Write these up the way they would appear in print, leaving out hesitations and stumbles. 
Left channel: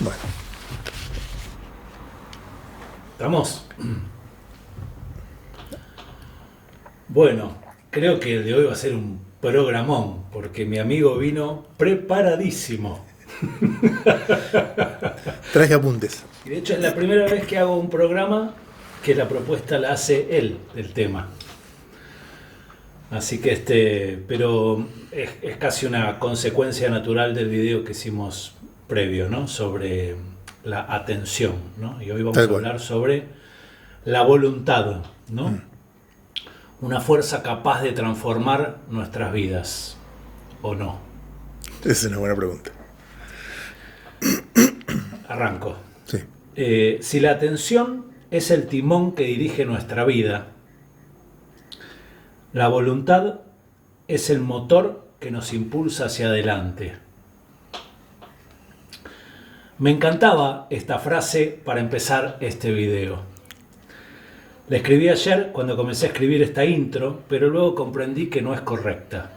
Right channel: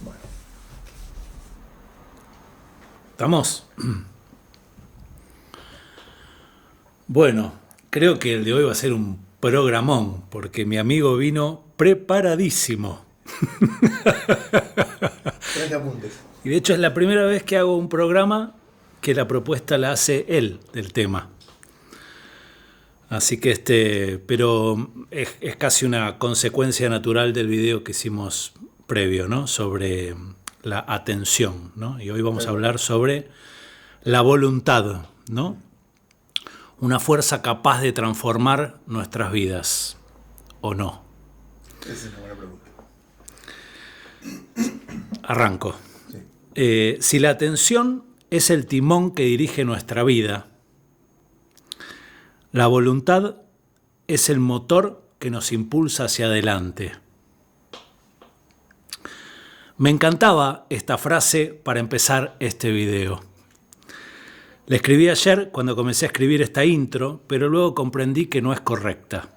Bueno, ¿Estamos? Bueno, creo que el de hoy va a ser un programón, porque mi amigo vino preparadísimo. traje apuntes. Y de hecho es la primera vez que hago un programa que la propuesta la hace él del tema. Así que pero es casi una consecuencia natural del video que hicimos previo, ¿no? Sobre la atención, ¿no? Y hoy vamos Tal a cual. hablar sobre la voluntad, ¿no? Una fuerza capaz de transformar nuestras vidas, ¿o no? Esa es una buena pregunta. Arranco. Sí. Si la atención es el timón que dirige nuestra vida, la voluntad es el motor que nos impulsa hacia adelante. Me encantaba esta frase para empezar este video. La escribí ayer cuando comencé a escribir esta intro, pero luego comprendí que no es correcta.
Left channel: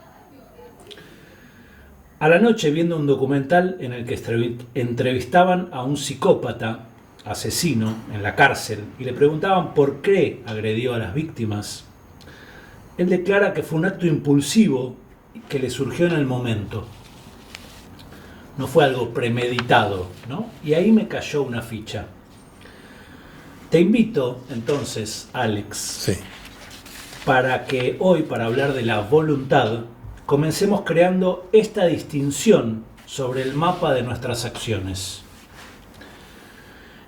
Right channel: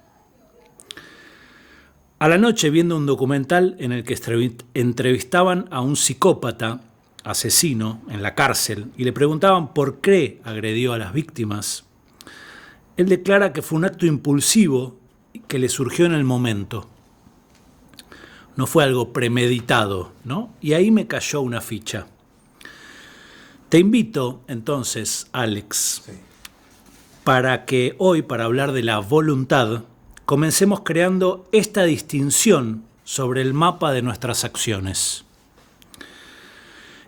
A la noche, viendo un documental en el que entrevistaban a un psicópata asesino en la cárcel y le preguntaban por qué agredió a las víctimas, él declara que fue un acto impulsivo que le surgió en el momento. No fue algo premeditado, ¿no? Y ahí me cayó una ficha. Te invito entonces, Alex, Sí. para que hoy, para hablar de la voluntad, comencemos creando esta distinción sobre el mapa de nuestras acciones.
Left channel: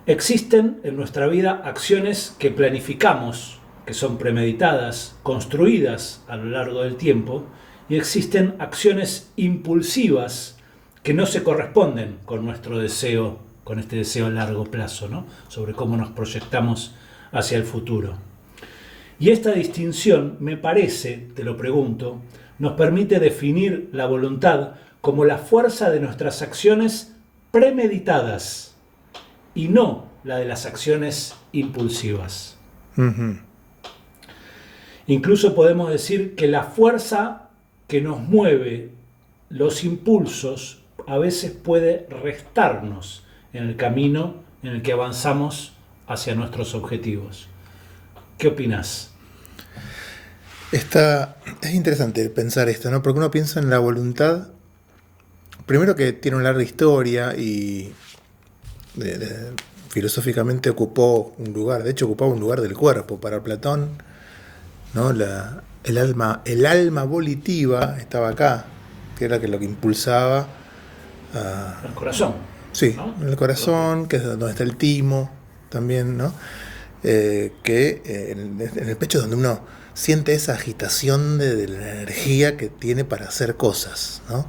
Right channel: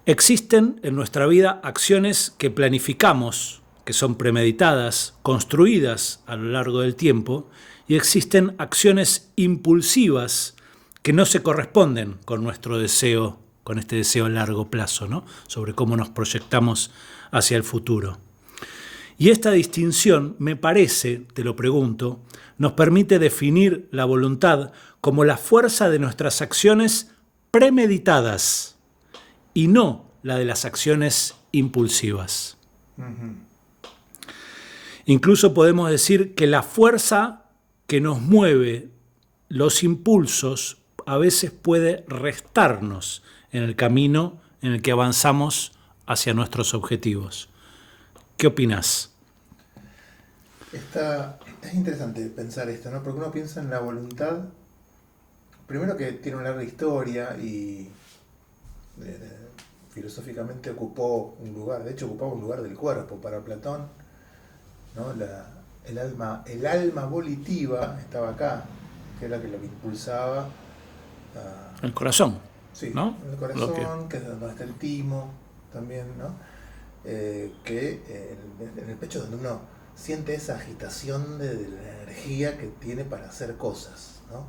Existen en nuestra vida acciones que planificamos, que son premeditadas, construidas a lo largo del tiempo, y existen acciones impulsivas que no se corresponden con nuestro deseo, con este deseo a largo plazo, ¿no? Sobre cómo nos proyectamos hacia el futuro. Y esta distinción, me parece, te lo pregunto, nos permite definir la voluntad como la fuerza de nuestras acciones premeditadas y no la de las acciones impulsivas. Ujú. Incluso podemos decir que la fuerza que nos mueve los impulsos a veces puede restarnos en el camino en el que avanzamos hacia nuestros objetivos. ¿Qué opinás? Es interesante pensar esto, ¿no? Porque uno piensa en la voluntad, primero que tiene una larga historia y filosóficamente ocupó un lugar, de hecho ocupaba un lugar del cuerpo. Para Platón, ¿no? El alma volitiva estaba acá, que era lo que impulsaba a, El corazón, sí, ¿no? en el Lo que corazón, que es donde está el timo, también, ¿no? En el pecho es donde uno siente esa agitación de la energía que tiene para hacer cosas, ¿no?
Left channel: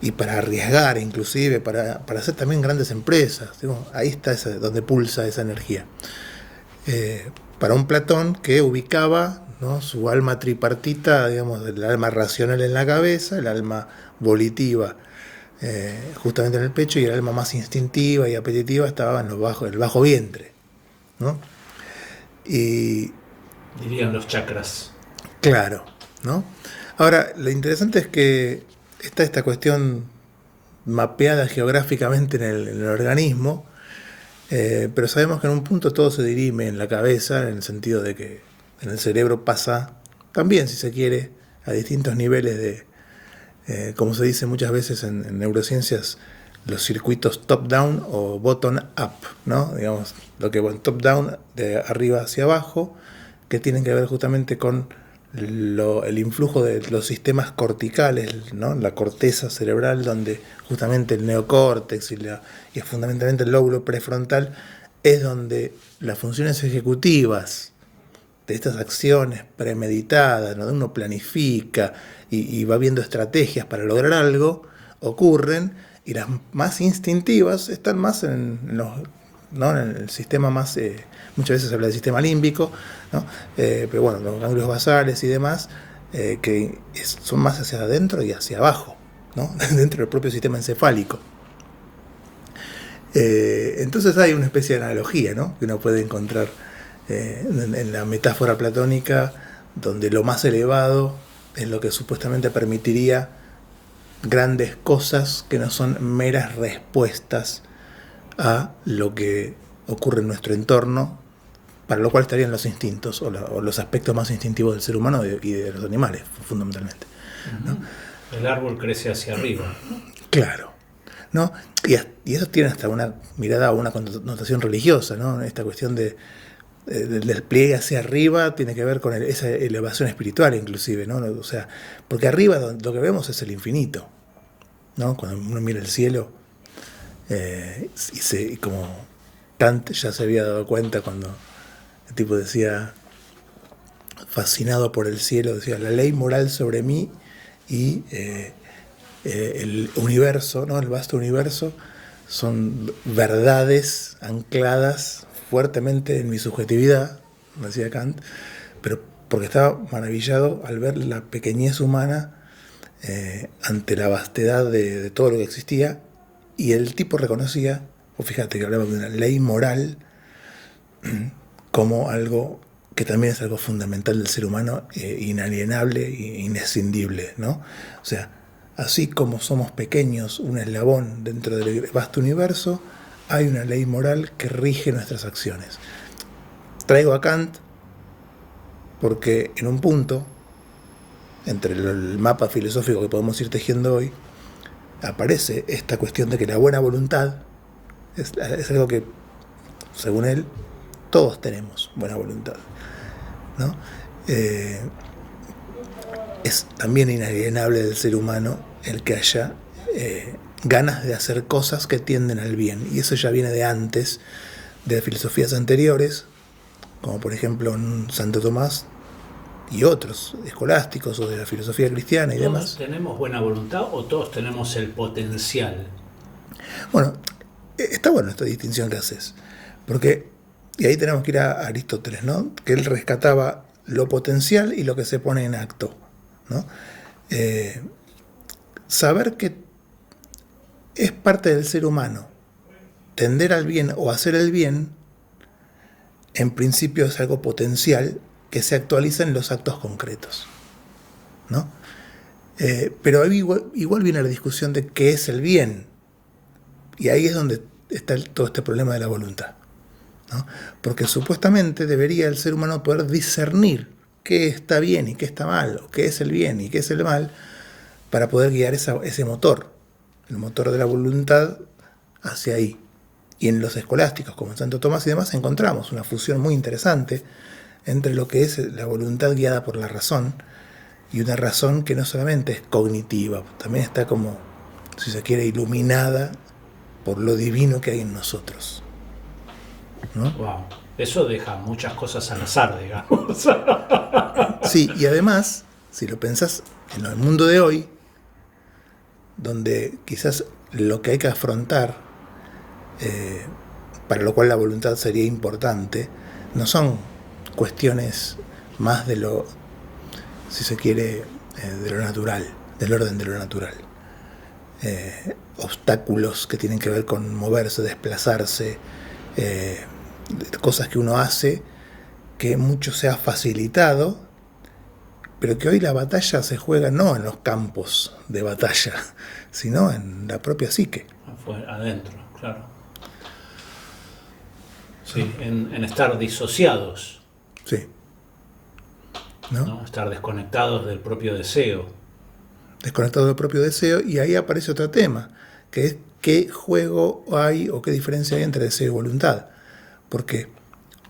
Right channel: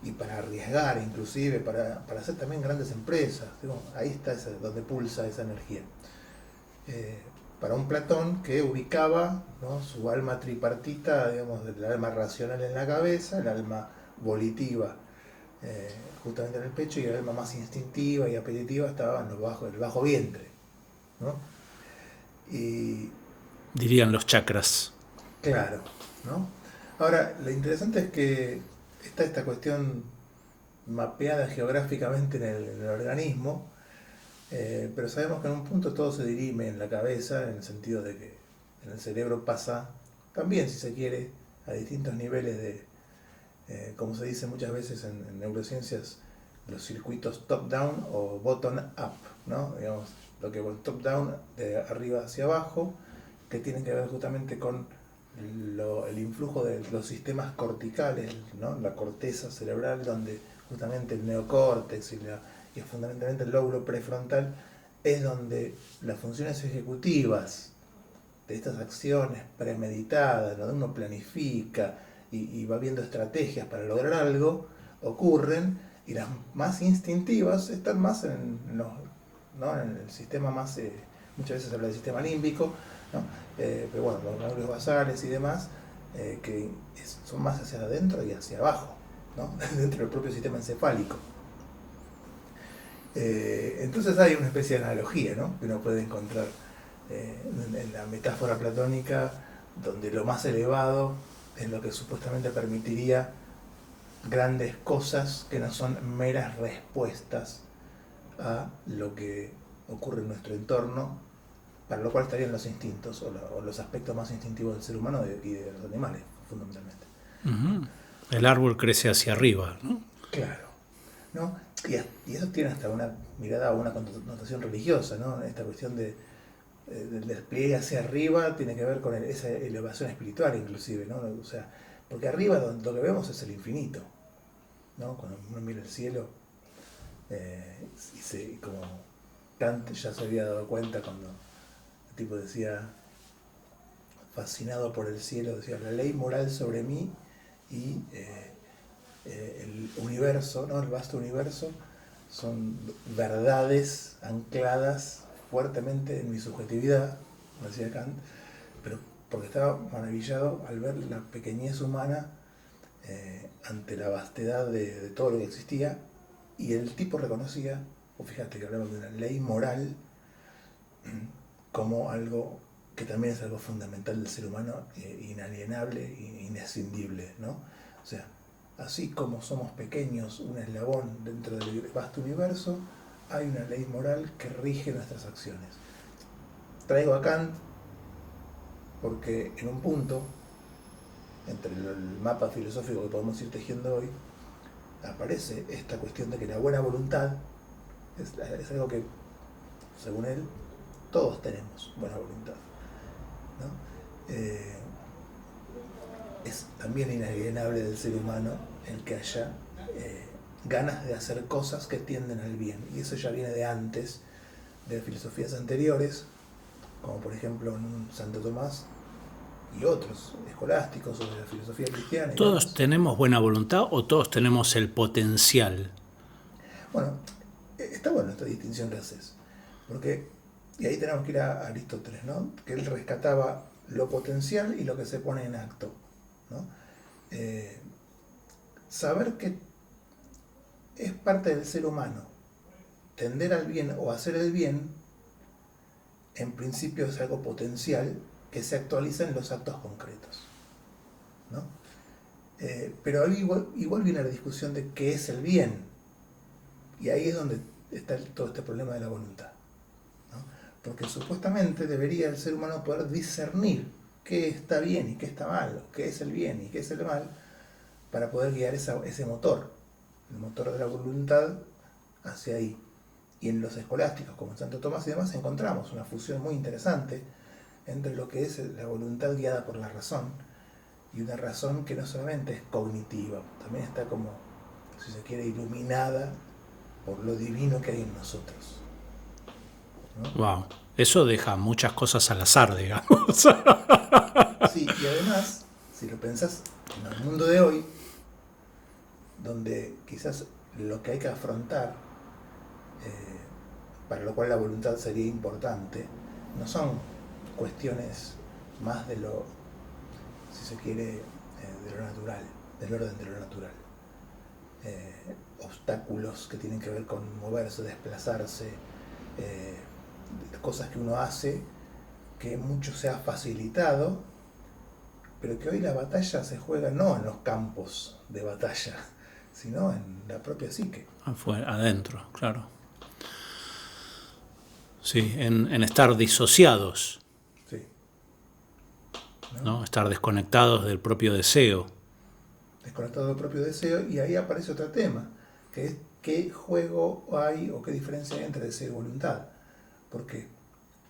Y para arriesgar, inclusive, para hacer también grandes empresas. Digo, ahí está donde pulsa esa energía. Eh, para un Platón que ubicaba, ¿no?, su alma tripartita, digamos, el alma racional en la cabeza, el alma volitiva justamente en el pecho, y el alma más instintiva y apetitiva estaba en el bajo vientre, ¿no? Y dirían los chakras. claro, ¿no? Ahora, lo interesante es que está esta cuestión mapeada geográficamente en el organismo, pero sabemos que en un punto todo se dirime en la cabeza, en el sentido de que en el cerebro pasa también, si se quiere, a distintos niveles como se dice muchas veces en neurociencias, los circuitos top-down o bottom-up, ¿no? Digamos, lo que va top-down, de arriba hacia abajo, que tienen que ver justamente con el influjo de los sistemas corticales, ¿no? La corteza cerebral, donde justamente el neocórtex y fundamentalmente el lóbulo prefrontal es donde las funciones ejecutivas de estas acciones premeditadas, donde uno planifica y va viendo estrategias para lograr algo, ocurren, y las más instintivas están más ¿no?, en el sistema más, muchas veces se habla del sistema límbico, ¿no? Pero bueno, los ganglios basales y demás, son más hacia adentro y hacia abajo, ¿no? Dentro del propio sistema encefálico. Entonces hay una especie de analogía, ¿no?, que uno puede encontrar en la metáfora platónica, donde lo más elevado es lo que supuestamente permitiría grandes cosas que no son meras respuestas a lo que ocurre en nuestro entorno, para lo cual estarían los instintos o los aspectos más instintivos del ser humano y de los animales, fundamentalmente. ¿No? El árbol crece hacia arriba. Claro. ¿No? Y eso tiene hasta una mirada o una connotación religiosa, ¿no? Esta cuestión del despliegue hacia arriba tiene que ver con esa elevación espiritual inclusive, ¿no? O sea, porque arriba lo que vemos es el infinito, ¿no? Cuando uno mira el cielo, y como Kant ya se había dado cuenta cuando el tipo decía, fascinado por el cielo, decía, la ley moral sobre mí y el universo, ¿no? El vasto universo, son verdades ancladas fuertemente en mi subjetividad, decía Kant, pero porque estaba maravillado al ver la pequeñez humana ante la vastedad de todo lo que existía, y el tipo reconocía, o fíjate que hablaba de una ley moral como algo que también es algo fundamental del ser humano, inalienable e inescindible, ¿no? O sea, así como somos pequeños, un eslabón dentro del vasto universo, hay una ley moral que rige nuestras acciones. Traigo a Kant porque en un punto, entre el mapa filosófico que podemos ir tejiendo hoy, aparece esta cuestión de que la buena voluntad es algo que, según él, todos tenemos buena voluntad, ¿no? Es también inalienable del ser humano el que haya ganas de hacer cosas que tienden al bien, y eso ya viene de antes, de filosofías anteriores, como por ejemplo en Santo Tomás y otros escolásticos o de la filosofía cristiana y ¿Todos demás. tenemos buena voluntad o todos tenemos el potencial? Bueno, está bueno esta distinción que haces, porque, y ahí tenemos que ir a Aristóteles, ¿no? Que él rescataba lo potencial y lo que se pone en acto, ¿no? Saber que es parte del ser humano tender al bien o hacer el bien, en principio es algo potencial que se actualiza en los actos concretos, ¿no? Pero ahí igual viene la discusión de qué es el bien, y ahí es donde está todo este problema de la voluntad, ¿no? Porque supuestamente debería el ser humano poder discernir qué está bien y qué está mal, o qué es el bien y qué es el mal, para poder guiar ese motor, el motor de la voluntad, hacia ahí. Y en los escolásticos, como en Santo Tomás y demás, encontramos una fusión muy interesante entre lo que es la voluntad guiada por la razón, y una razón que no solamente es cognitiva, también está como, si se quiere, iluminada por lo divino que hay en nosotros, ¿no? Wow, eso deja muchas cosas al azar, digamos. Sí, y además, si lo pensás en el mundo de hoy, donde quizás lo que hay que afrontar, para lo cual la voluntad sería importante, no son cuestiones más de lo, si se quiere, de lo natural, del orden de lo natural. Obstáculos que tienen que ver con moverse, desplazarse, cosas que uno hace que mucho se ha facilitado, pero que hoy la batalla se juega no en los campos de batalla, sino en la propia psique. Adentro, claro. Sí, en estar disociados, Sí. ¿No? ¿no? Estar desconectados del propio deseo. Desconectado del propio deseo, y ahí aparece otro tema, que es qué juego hay o qué diferencia hay entre deseo y voluntad. Porque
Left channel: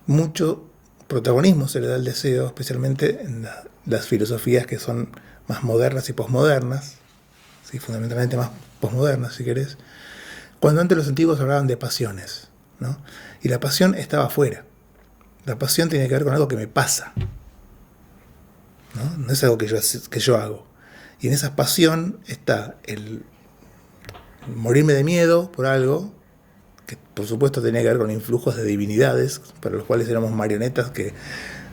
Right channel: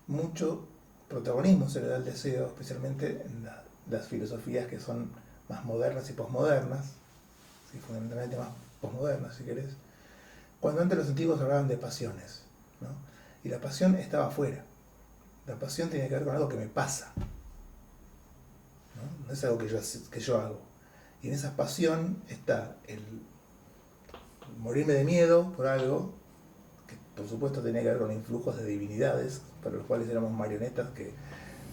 mucho protagonismo se le da al deseo, especialmente en las filosofías que son más modernas y posmodernas, ¿sí? Fundamentalmente más posmodernas, si querés, cuando antes los antiguos hablaban de pasiones, ¿no? Y la pasión estaba afuera. La pasión tiene que ver con algo que me pasa, ¿no? No es algo que yo hago. Y en esa pasión está el morirme de miedo por algo, que por supuesto tenía que ver con influjos de divinidades, para los cuales éramos marionetas que,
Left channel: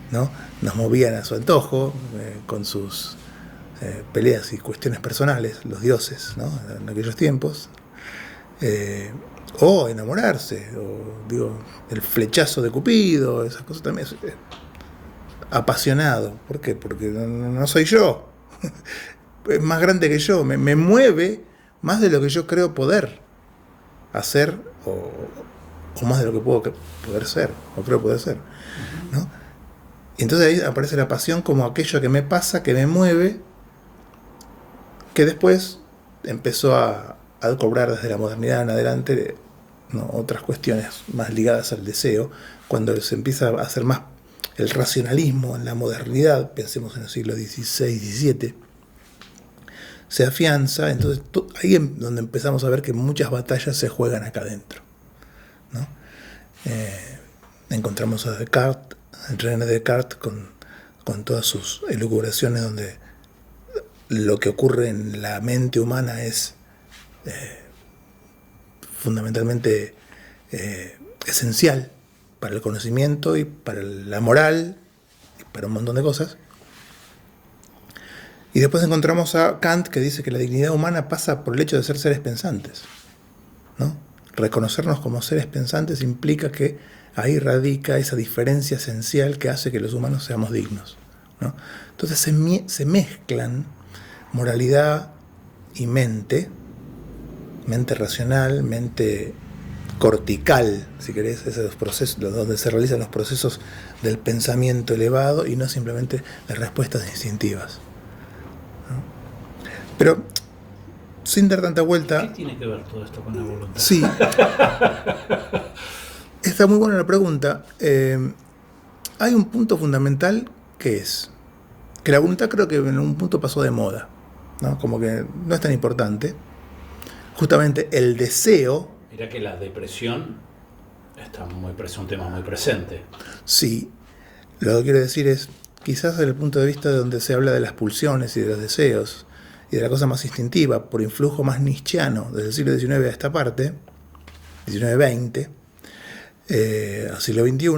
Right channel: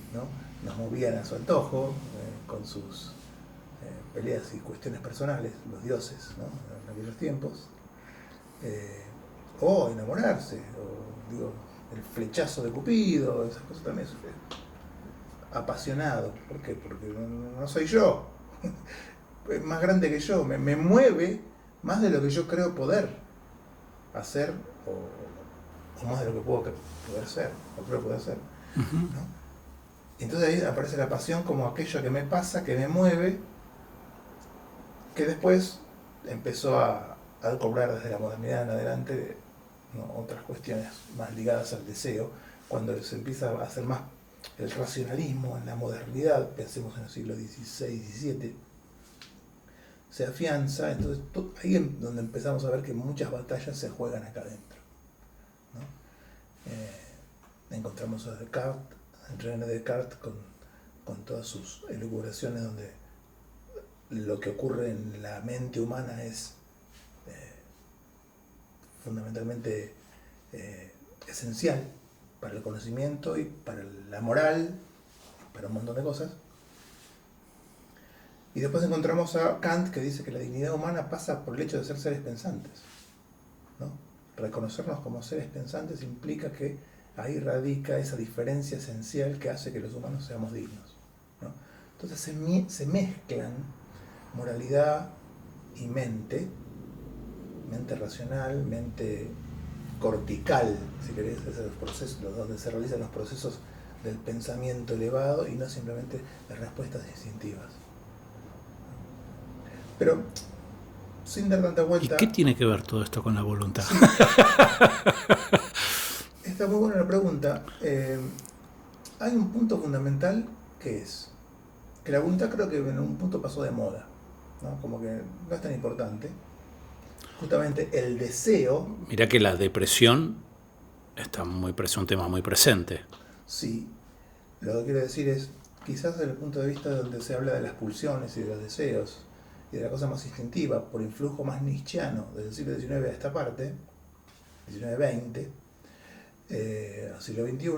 ¿no?, nos movían a su antojo, con sus peleas y cuestiones personales, los dioses, ¿no?, en aquellos tiempos. O enamorarse, o digo, el flechazo de Cupido, esas cosas también. Apasionado. ¿Por qué? Porque no soy yo. Es más grande que yo. Me mueve más de lo que yo creo poder hacer o más de lo que puedo poder ser, o creo poder ser, ¿no? Y entonces ahí aparece la pasión como aquello que me pasa, que me mueve, que después empezó a cobrar desde la modernidad en adelante, ¿no?, otras cuestiones más ligadas al deseo, cuando se empieza a hacer más el racionalismo en la modernidad, pensemos en el siglo XVI, XVII, se afianza. Entonces ahí es donde empezamos a ver que muchas batallas se juegan acá adentro, ¿no? Encontramos a Descartes, a René Descartes, con todas sus elucubraciones, donde lo que ocurre en la mente humana es fundamentalmente esencial para el conocimiento y para la moral y para un montón de cosas. Y después encontramos a Kant, que dice que la dignidad humana pasa por el hecho de ser seres pensantes, ¿no? Reconocernos como seres pensantes implica que ahí radica esa diferencia esencial que hace que los humanos seamos dignos, ¿no? Entonces se mezclan moralidad y mente racional, mente cortical, si querés, esos procesos donde se realizan los procesos del pensamiento elevado y no simplemente las respuestas instintivas, ¿no? Pero sin dar tanta vuelta. ¿Qué tiene que ver todo esto con la voluntad? Sí. Está muy buena la pregunta. Hay un punto fundamental que es que la voluntad, creo que en un punto pasó de moda, ¿no? Como que no es tan importante. Justamente el deseo. Mirá que la depresión está un tema muy presente. Sí. Lo que quiero decir es, quizás desde el punto de vista de donde se habla de las pulsiones y de los deseos y de la cosa más instintiva, por influjo más nietzscheano desde el siglo XIX a esta parte, XIX-XX, al siglo XXI,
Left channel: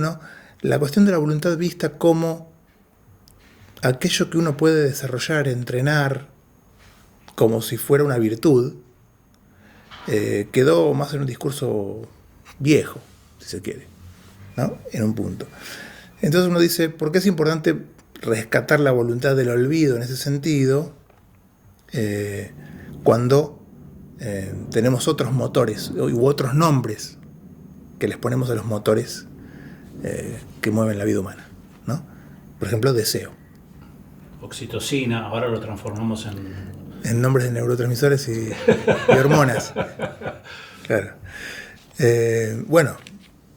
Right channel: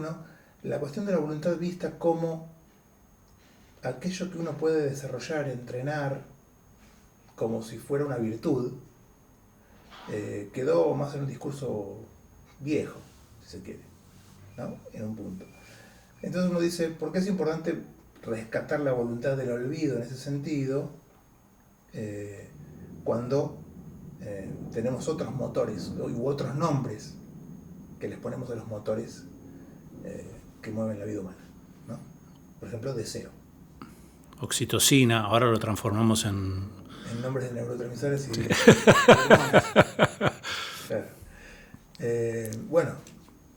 la cuestión de la voluntad vista como aquello que uno puede desarrollar, entrenar, como si fuera una virtud, quedó más en un discurso viejo, si se quiere, ¿no? En un punto. Entonces uno dice, ¿por qué es importante rescatar la voluntad del olvido en ese sentido, cuando tenemos otros motores u otros nombres que les ponemos a los motores que mueven la vida humana, ¿no? Por ejemplo, deseo. Oxitocina, ahora lo transformamos en nombres de neurotransmisores y hormonas. Claro. Bueno,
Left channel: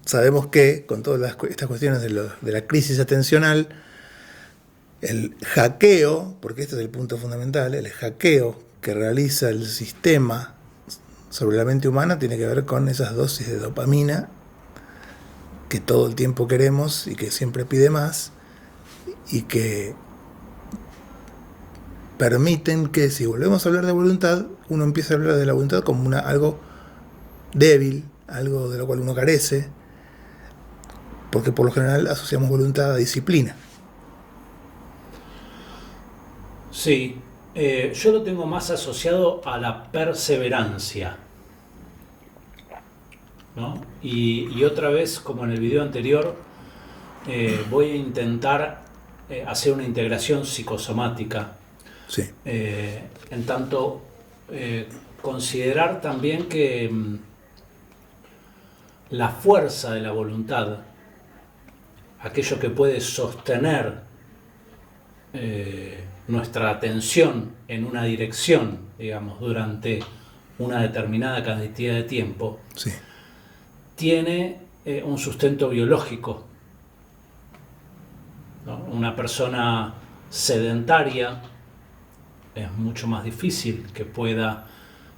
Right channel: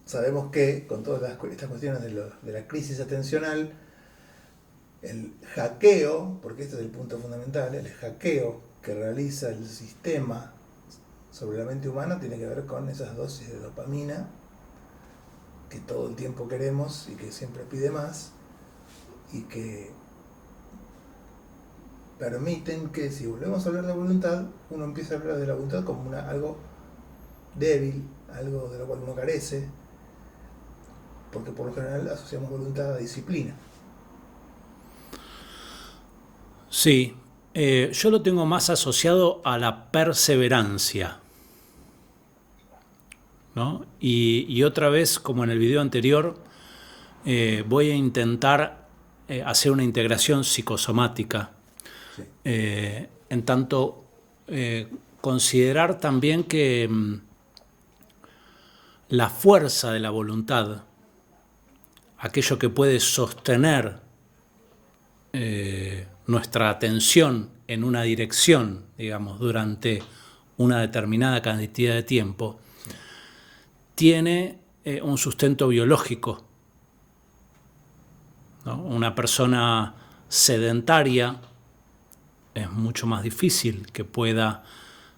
sabemos que con todas estas cuestiones de la crisis atencional, el hackeo, porque este es el punto fundamental, el hackeo que realiza el sistema sobre la mente humana tiene que ver con esas dosis de dopamina que todo el tiempo queremos y que siempre pide más, y que permiten que, si volvemos a hablar de voluntad, uno empieza a hablar de la voluntad como algo débil, algo de lo cual uno carece, porque por lo general asociamos voluntad a disciplina. Sí, yo lo tengo más asociado a la perseverancia, ¿no? Y otra vez, como en el video anterior, voy a intentar hacer una integración psicosomática. Sí. En tanto, considerar también que la fuerza de la voluntad, aquello que puede sostener nuestra atención en una dirección, digamos, durante una determinada cantidad de tiempo, Sí. tiene un sustento biológico, ¿no? Una persona sedentaria es mucho más difícil que pueda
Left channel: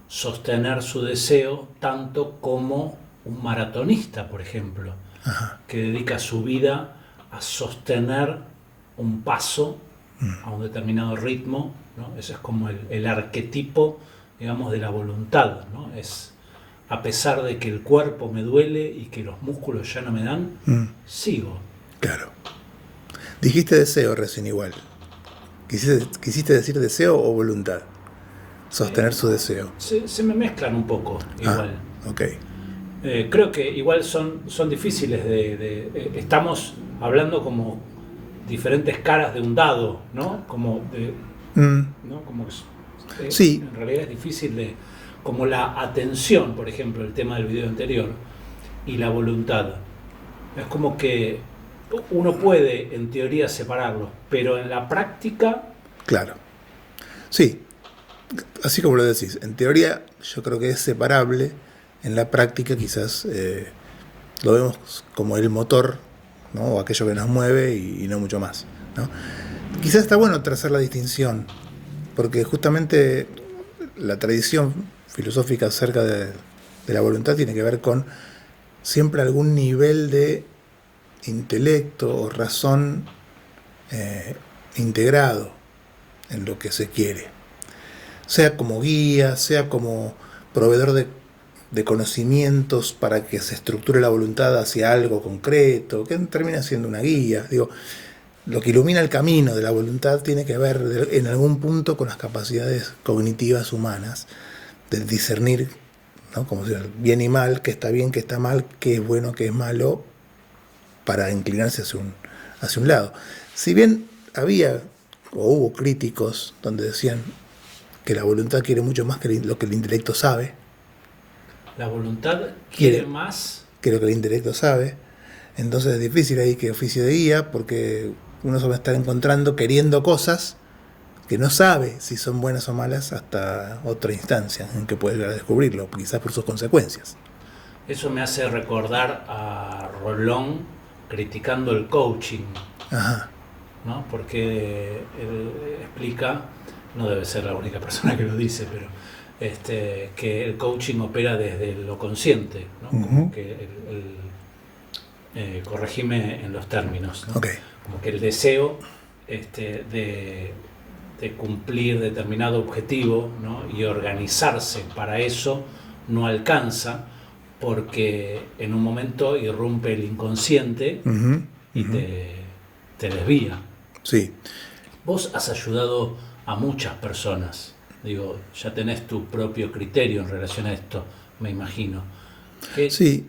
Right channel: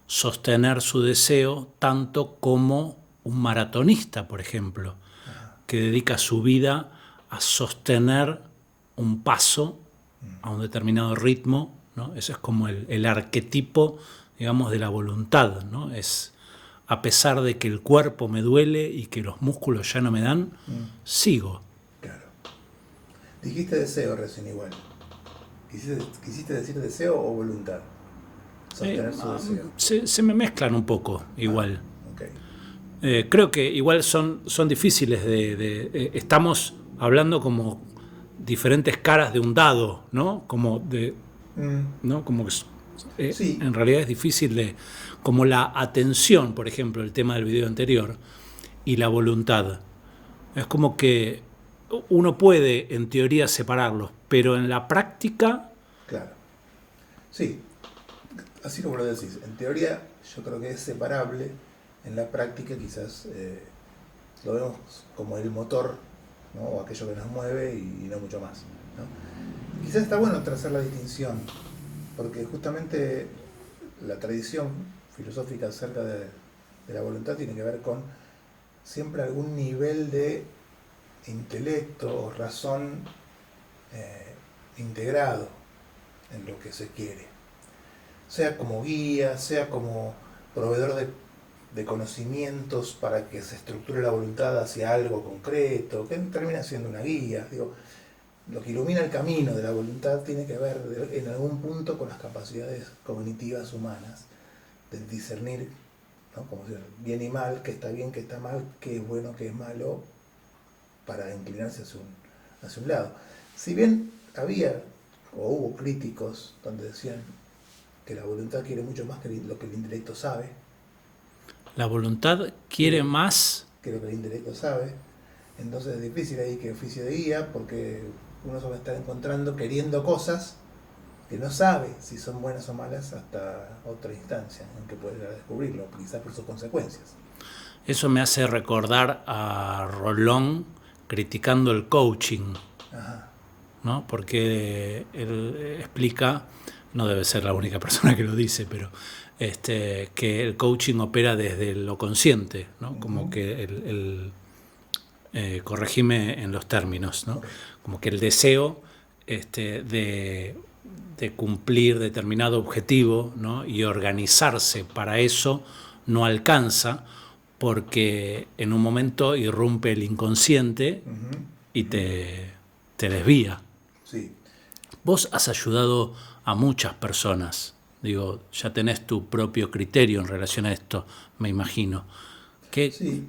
sostener su deseo tanto como un maratonista, por ejemplo, Ajá. que dedica su vida a sostener un paso a un determinado ritmo, ¿no? Ese es como el arquetipo, digamos, de la voluntad, ¿no? Es, a pesar de que el cuerpo me duele y que los músculos ya no me dan, sigo. Claro. Dijiste deseo recién igual. ¿Quisiste decir deseo o voluntad? Sostener su deseo. Se me mezclan un poco, igual. Ok. Creo que igual son difíciles estamos hablando como diferentes caras de un dado, ¿no? Como de, ¿no? Como que Sí. en realidad es difícil de como la atención, por ejemplo, el tema del video anterior, y la voluntad. Es como que uno puede, en teoría, separarlos, pero en la práctica... Claro. Sí, así como lo decís, en teoría yo creo que es separable, en la práctica quizás lo vemos como el motor, ¿no? O aquello que nos mueve y no mucho más, ¿no? Quizás está bueno trazar la distinción, porque justamente la tradición filosófica acerca de la voluntad tiene que ver con siempre algún nivel de intelecto o razón integrado en lo que se quiere, sea como guía, sea como proveedor de conocimientos para que se estructure la voluntad hacia algo concreto, que termina siendo una guía. Digo, lo que ilumina el camino de la voluntad tiene que ver en algún punto con las capacidades cognitivas humanas, de discernir, ¿no? Como decir, bien y mal, qué está bien, qué está mal, qué es bueno, qué es malo, para inclinarse hacia un lado. Si bien había o hubo críticos donde decían que la voluntad quiere mucho más que lo que el intelecto sabe. La voluntad quiere más que lo que el intelecto sabe. Entonces es difícil ahí que oficio de guía, porque uno se va a estar encontrando queriendo cosas que no sabe si son buenas o malas hasta otra instancia en que puede llegar a descubrirlo, quizás por sus consecuencias. Eso me hace recordar a Rolón criticando el coaching. Ajá. ¿No? Porque él explica, no debe ser la única persona que lo dice, pero que el coaching opera desde lo consciente, ¿no? Uh-huh. Como que corregime en los términos, ¿no? Okay. Como que el deseo de cumplir determinado objetivo, ¿no? Y organizarse para eso no alcanza, porque en un momento irrumpe el inconsciente, uh-huh, y uh-huh, te desvía. Sí. Vos has ayudado a muchas personas. Digo, ya tenés tu propio criterio en relación a esto, me imagino. Sí.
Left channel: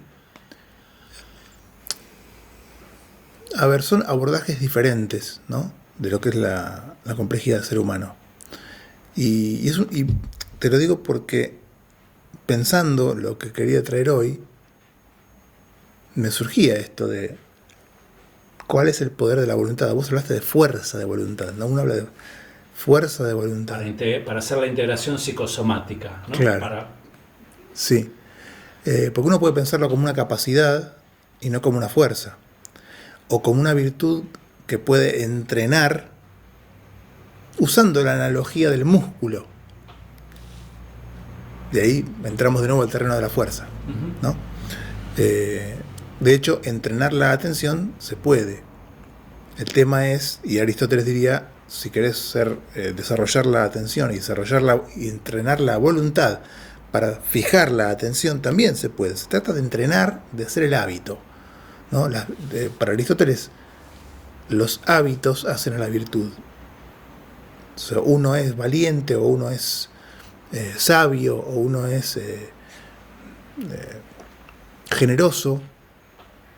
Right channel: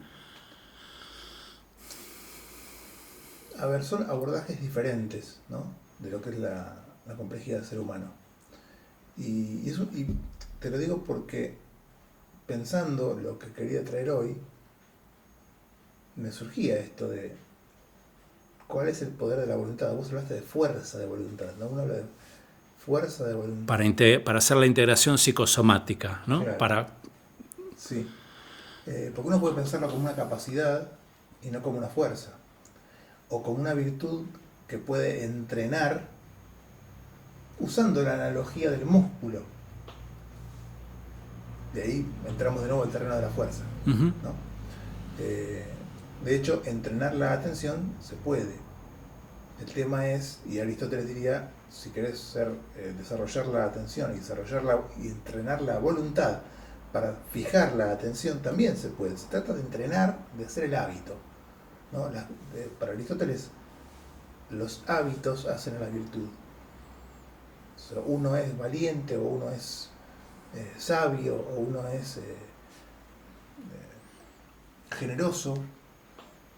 A ver, son abordajes diferentes, ¿no? De lo que es la complejidad del ser humano. Y te lo digo porque, pensando lo que quería traer hoy, me surgía esto de ¿cuál es el poder de la voluntad? Vos hablaste de fuerza de voluntad, ¿no? Uno habla de fuerza de voluntad. Para hacer la integración psicosomática, ¿no? Claro. Sí. Porque uno puede pensarlo como una capacidad y no como una fuerza. O como una virtud que puede entrenar usando la analogía del músculo. De ahí entramos de nuevo al terreno de la fuerza, uh-huh, ¿no? De hecho, entrenar la atención se puede. El tema es, y Aristóteles diría, si querés desarrollar la atención y entrenar la voluntad para fijar la atención, también se puede. Se trata de entrenar, de hacer el hábito, ¿no? Para Aristóteles, los hábitos hacen a la virtud. O sea, uno es valiente, o uno es sabio, o uno es generoso,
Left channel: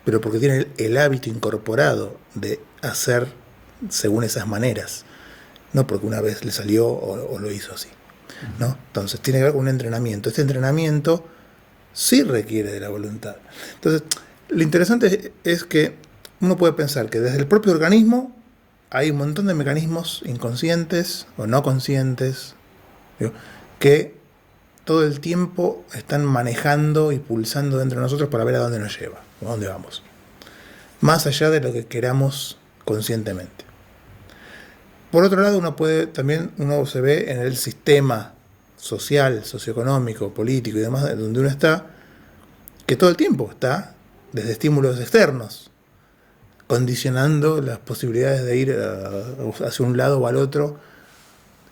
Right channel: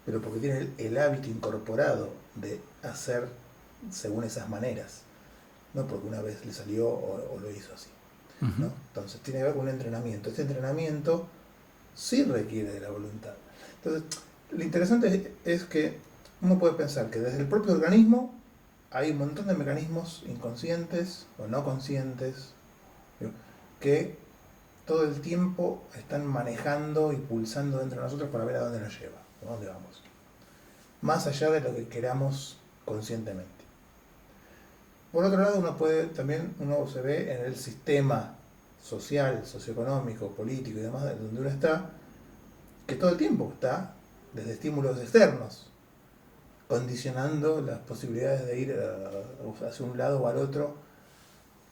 pero porque tiene el hábito incorporado de hacer según esas maneras, no porque una vez le salió o lo hizo así, ¿no? Entonces tiene que ver con un entrenamiento. Este entrenamiento sí requiere de la voluntad. Entonces, lo interesante es que uno puede pensar que desde el propio organismo hay un montón de mecanismos inconscientes o no conscientes, ¿sí?, que todo el tiempo están manejando y pulsando dentro de nosotros para ver a dónde nos lleva, a dónde vamos, más allá de lo que queramos conscientemente. Por otro lado, uno se ve en el sistema social, socioeconómico, político y demás, donde uno está, que todo el tiempo está desde estímulos externos, condicionando las posibilidades de ir hacia un lado o al otro,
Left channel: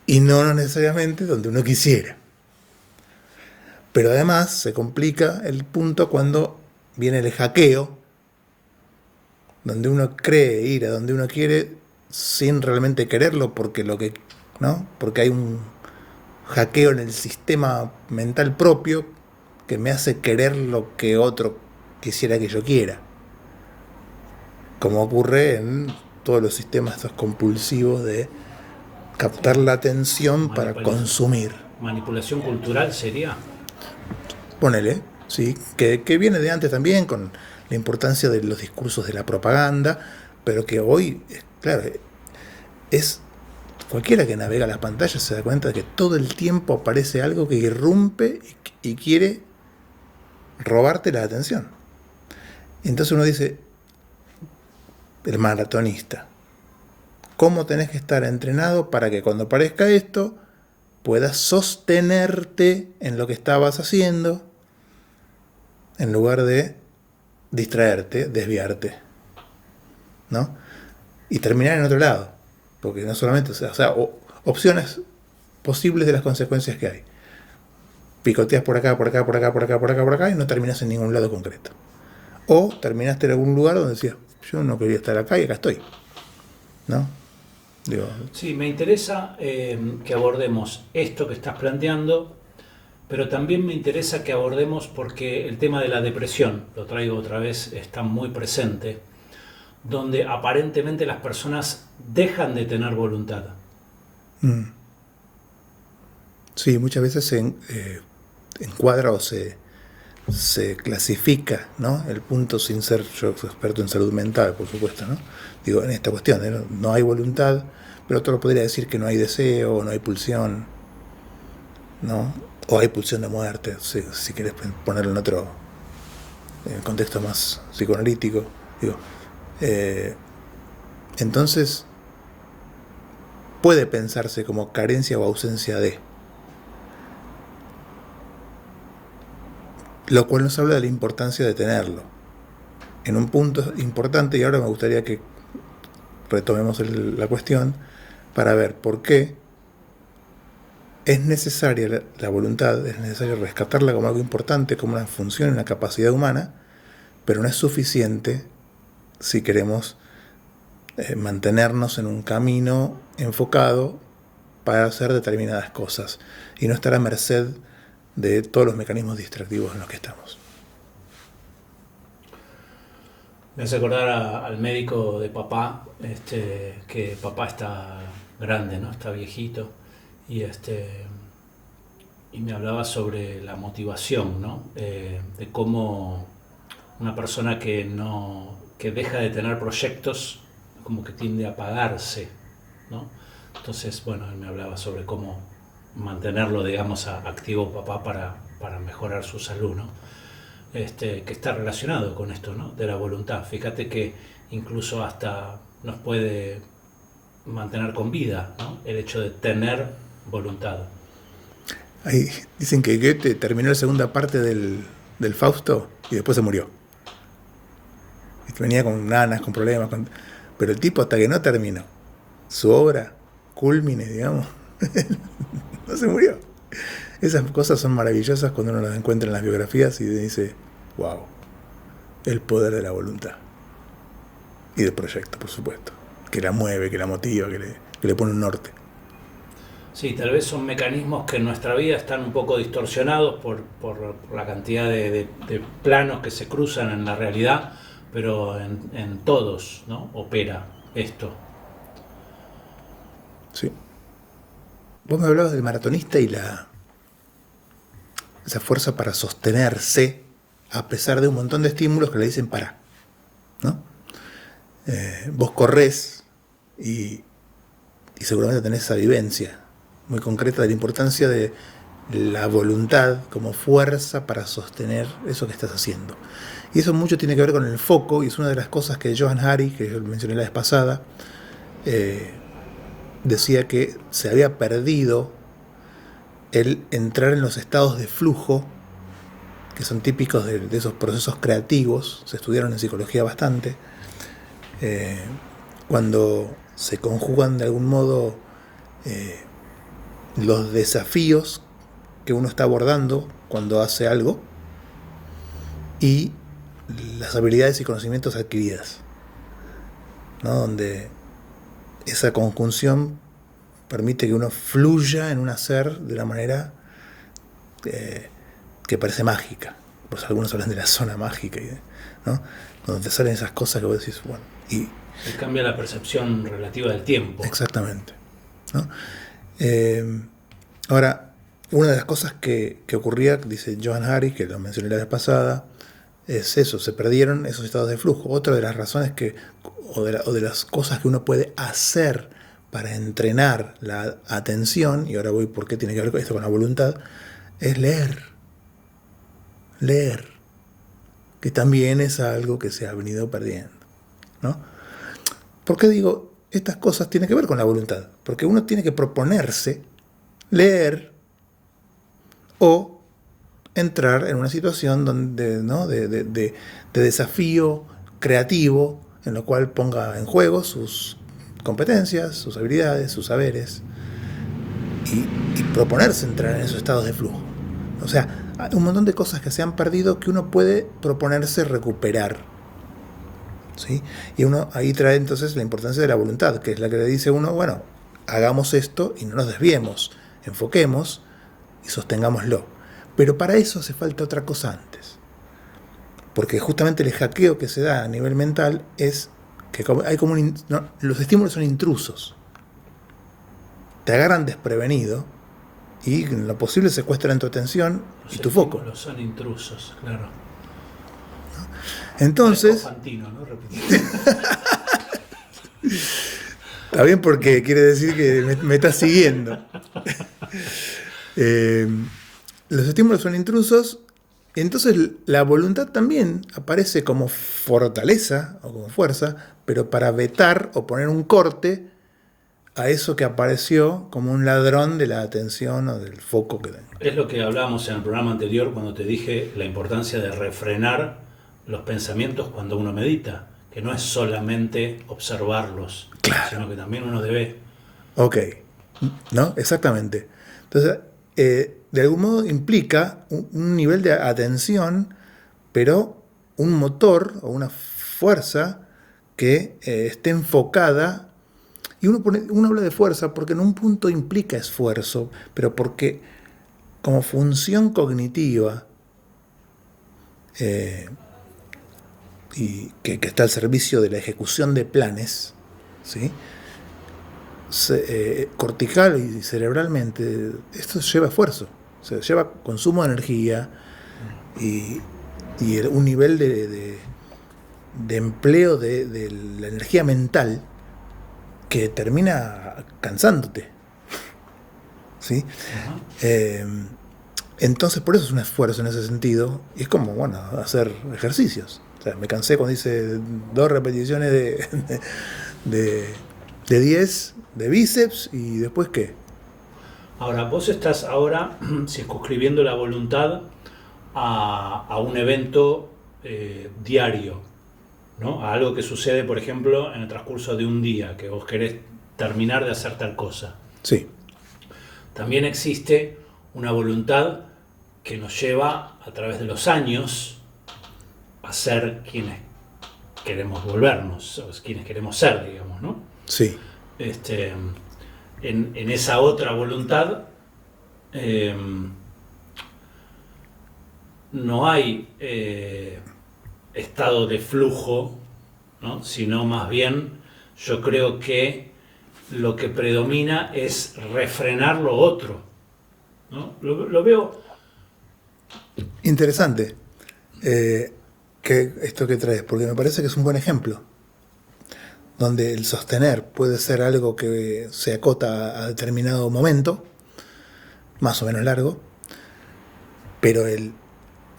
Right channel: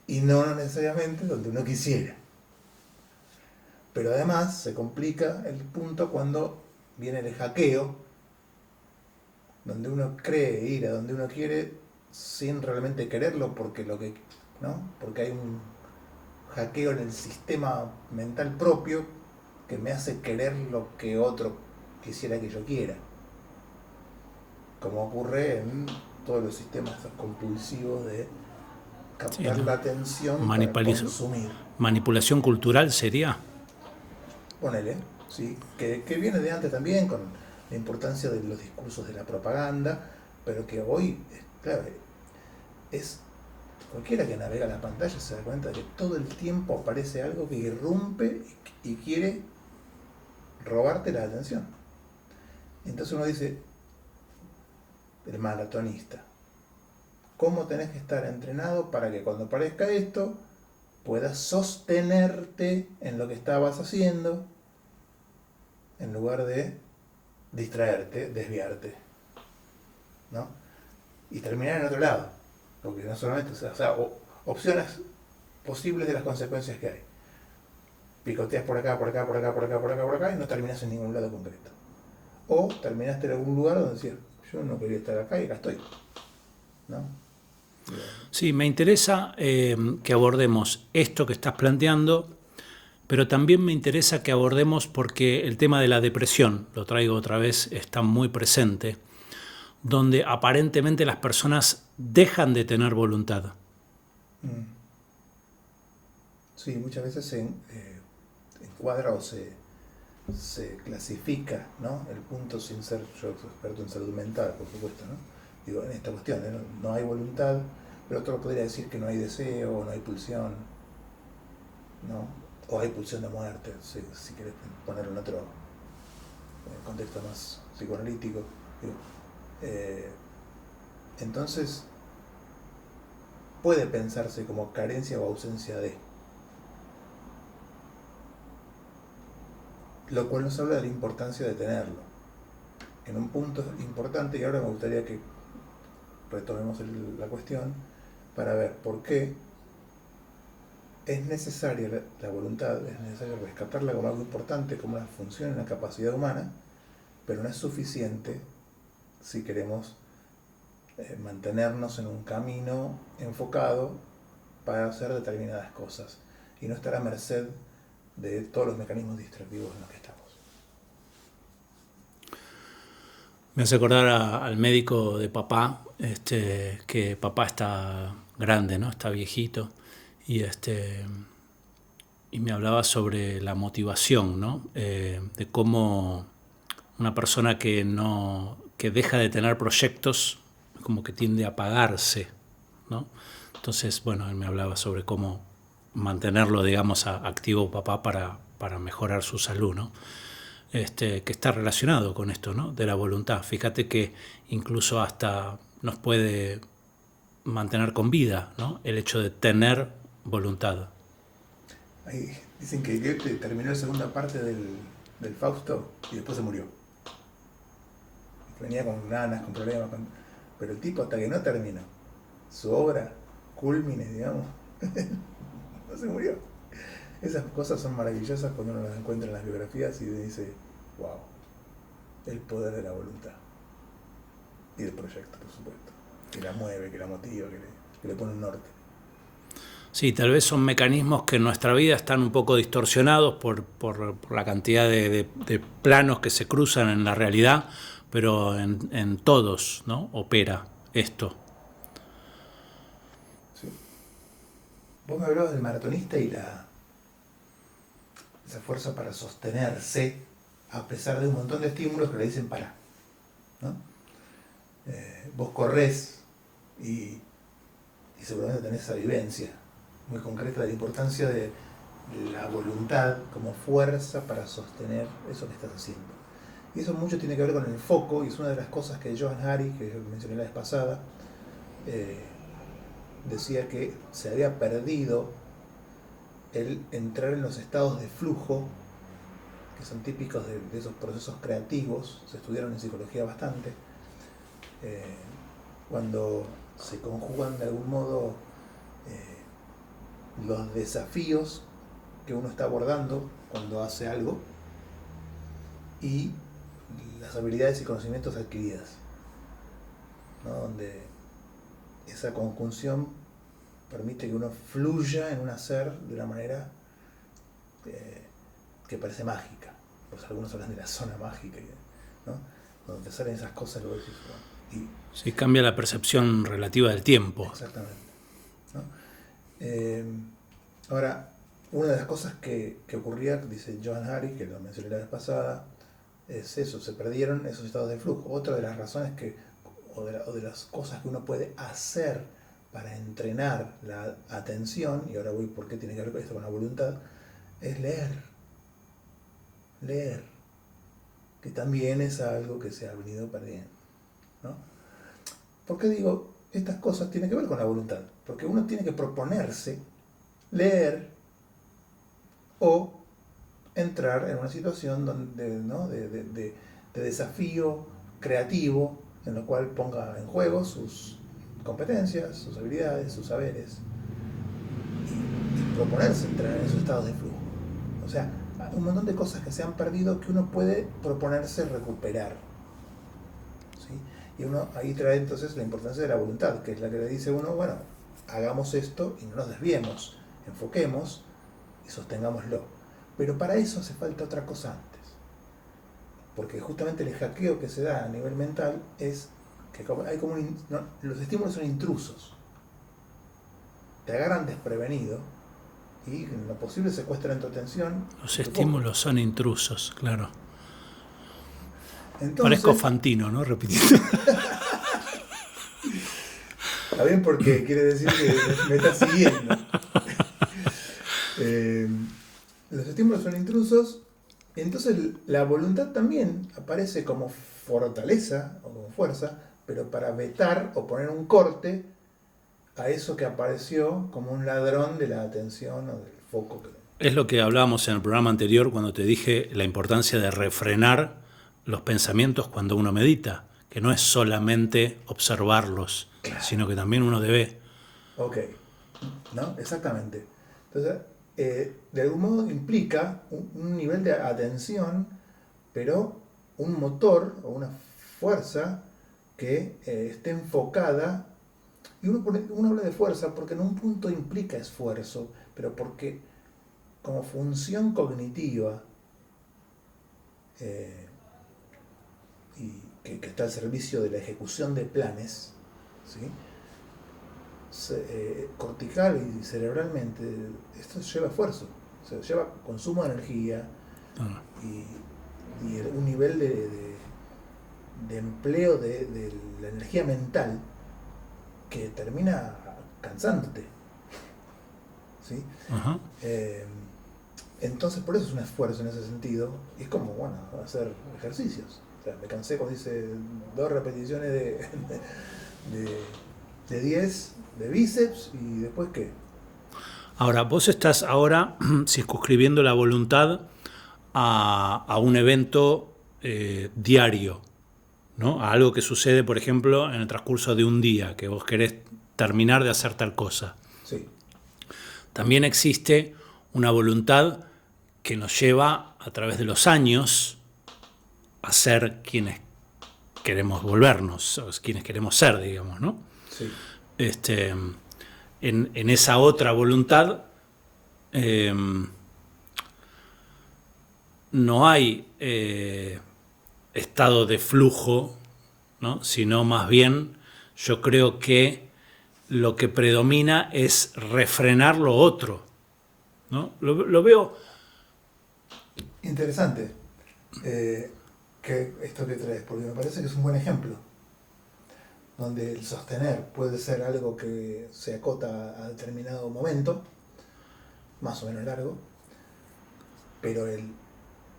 y no necesariamente donde uno quisiera. Pero además se complica el punto cuando viene el hackeo, donde uno cree ir a donde uno quiere sin realmente quererlo, porque porque hay un hackeo en el sistema mental propio que me hace querer lo que otro quisiera que yo quiera, como ocurre en todos los sistemas estos compulsivos de captar la atención para consumir. ¿Manipulación cultural sería? Ponele, sí, que viene de antes también con la importancia de los discursos de la propaganda, pero que hoy, claro, es cualquiera que navega la pantalla se da cuenta de que todo el tiempo aparece algo que irrumpe y quiere robarte la atención. Entonces uno dice, el maratonista, ¿cómo tenés que estar entrenado para que cuando aparezca esto puedas sostenerte en lo que estabas haciendo en lugar de distraerte, desviarte, ¿no? Y terminar en otro lado? Porque no solamente, opciones posibles de las consecuencias que hay. Picoteas por acá, por acá, por acá, por acá, por acá, por acá y no terminas en ningún lado concreto. O terminaste en algún lugar donde decías, yo no quería estar acá y acá estoy, ¿no? Digo, Sí, me interesa que abordemos esto que estás planteando, pero también me interesa que abordemos porque el tema de la depresión, lo traigo otra vez, está muy presente, donde aparentemente las personas dejan de tener voluntad. sí, muchas veces se encuadra o se clasifica, ¿no? El punto, sin ser yo experto en salud mental, por supuesto, ¿no? Digo, en esta cuestión, no hay voluntad, pero otro podría decir que no hay deseo, no hay pulsión, ¿no? O hay pulsión de muerte, si querés ponerlo en otro contexto más psicoanalítico. Digo, entonces puede pensarse como carencia o ausencia de, lo cual nos habla de la importancia de tenerlo. En un punto importante, y ahora me gustaría que retomemos la cuestión para ver por qué es necesaria la voluntad, es necesario rescatarla como algo importante, como una función, una capacidad humana, pero no es suficiente si queremos mantenernos en un camino enfocado para hacer determinadas cosas y no estar a merced de todos los mecanismos distractivos en los que estamos. Me hace acordar al médico de papá, que papá está grande, ¿no? Está viejito, y, y me hablaba sobre la motivación, ¿no? De cómo una persona que deja de tener proyectos como que tiende a apagarse, ¿no? Entonces, bueno, él me hablaba sobre cómo mantenerlo, digamos, activo papá para mejorar su salud, ¿no? Que está relacionado con esto, ¿no? De la voluntad. Fíjate que incluso hasta nos puede mantener con vida, ¿no? El hecho de tener voluntad. Ahí dicen que Goethe terminó la segunda parte del Fausto y después se murió. Y venía con nanas, con problemas, pero el tipo hasta que no terminó su obra, culmine, digamos, no se murió. Esas cosas son maravillosas cuando uno las encuentra en las biografías y dice, wow, el poder de la voluntad. Y del proyecto, por supuesto. Que la mueve, que la motiva, que le pone un norte. Sí, tal vez son mecanismos que en nuestra vida están un poco distorsionados por la cantidad de planos que se cruzan en la realidad, pero en todos, ¿no? Opera esto. Sí. Vos me hablabas del maratonista y esa fuerza para sostenerse a pesar de un montón de estímulos que le dicen para, ¿no? Vos corres y seguramente tenés esa vivencia muy concreta de la importancia de la voluntad como fuerza para sostener eso que estás haciendo. Y eso mucho tiene que ver con el foco, y es una de las cosas que Johann Hari, que yo mencioné la vez pasada, decía que se había perdido el entrar en los estados de flujo, que son típicos de esos procesos creativos, se estudiaron en psicología bastante, cuando se conjugan de algún modo los desafíos que uno está abordando cuando hace algo y las habilidades y conocimientos adquiridas, ¿no? Donde esa conjunción permite que uno fluya en un hacer de una manera que parece mágica. Pues algunos hablan de la zona mágica, ¿no? Donde te salen esas cosas que vos decís, bueno, y se cambia la percepción relativa del tiempo. Exactamente, ¿no? Ahora, una de las cosas que ocurría, dice Johann Hari, que lo mencioné la vez pasada, es eso, se perdieron esos estados de flujo. Otra de las razones o de las cosas que uno puede hacer para entrenar la atención, y ahora voy por qué tiene que ver esto con la voluntad, es leer. Leer, que también es algo que se ha venido perdiendo, ¿no? ¿Por qué digo estas cosas tienen que ver con la voluntad? Porque uno tiene que proponerse leer o entrar en una situación donde, ¿no? de desafío creativo, en lo cual ponga en juego sus competencias, sus habilidades, sus saberes, y proponerse entrar en esos estados de flujo. O sea, hay un montón de cosas que se han perdido que uno puede proponerse recuperar. ¿Sí? Y uno ahí trae entonces la importancia de la voluntad, que es la que le dice a uno, bueno, hagamos esto y no nos desviemos, enfoquemos y sostengámoslo. Pero para eso hace falta otra cosa antes. Porque justamente el hackeo que se da a nivel mental es que hay como los estímulos son intrusos. Te agarran desprevenido y en lo posible secuestran tu atención Los y tu foco. estímulos son intrusos, claro. Entonces, parezco Fantino, ¿no? Repitiendo. Está bien porque quiere decir que me está siguiendo. Los estímulos son intrusos, entonces la voluntad también aparece como fortaleza o como fuerza, pero para vetar o poner un corte a eso que apareció como un ladrón de la atención o del foco que tengo. Es lo que hablábamos en el programa anterior cuando te dije la importancia de refrenar los pensamientos cuando uno medita, que no es solamente observarlos, Claro. sino que también uno debe... Ok, ¿no? Exactamente. Entonces, de algún modo implica un nivel de atención, pero un motor o una fuerza que esté enfocada. Y uno habla de fuerza porque en un punto implica esfuerzo, pero porque como función cognitiva y que está al servicio de la ejecución de planes, ¿sí? Cortical y cerebralmente, esto lleva esfuerzo, o sea, lleva consumo de energía y un nivel de empleo de la energía mental que termina cansándote. ¿Sí? Entonces, por eso es un esfuerzo en ese sentido. Y es como, bueno, hacer ejercicios. O sea, me cansé cuando hice 2 repeticiones de 10 de bíceps y después ¿qué? Ahora, vos estás ahora circunscribiendo la voluntad a un evento diario, ¿no? A algo que sucede, por ejemplo, en el transcurso de un día, que vos querés terminar de hacer tal cosa. Sí. También existe una voluntad que nos lleva a través de los años a ser quienes queremos volvernos, quienes queremos ser, digamos, ¿no? Sí. En esa otra voluntad no hay estado de flujo, ¿no? Sino más bien yo creo que lo que predomina es refrenar lo otro, ¿no? Lo veo... Interesante que esto que traes, porque me parece que es un buen ejemplo, donde el sostener puede ser algo que se acota a determinado momento, más o menos largo, pero el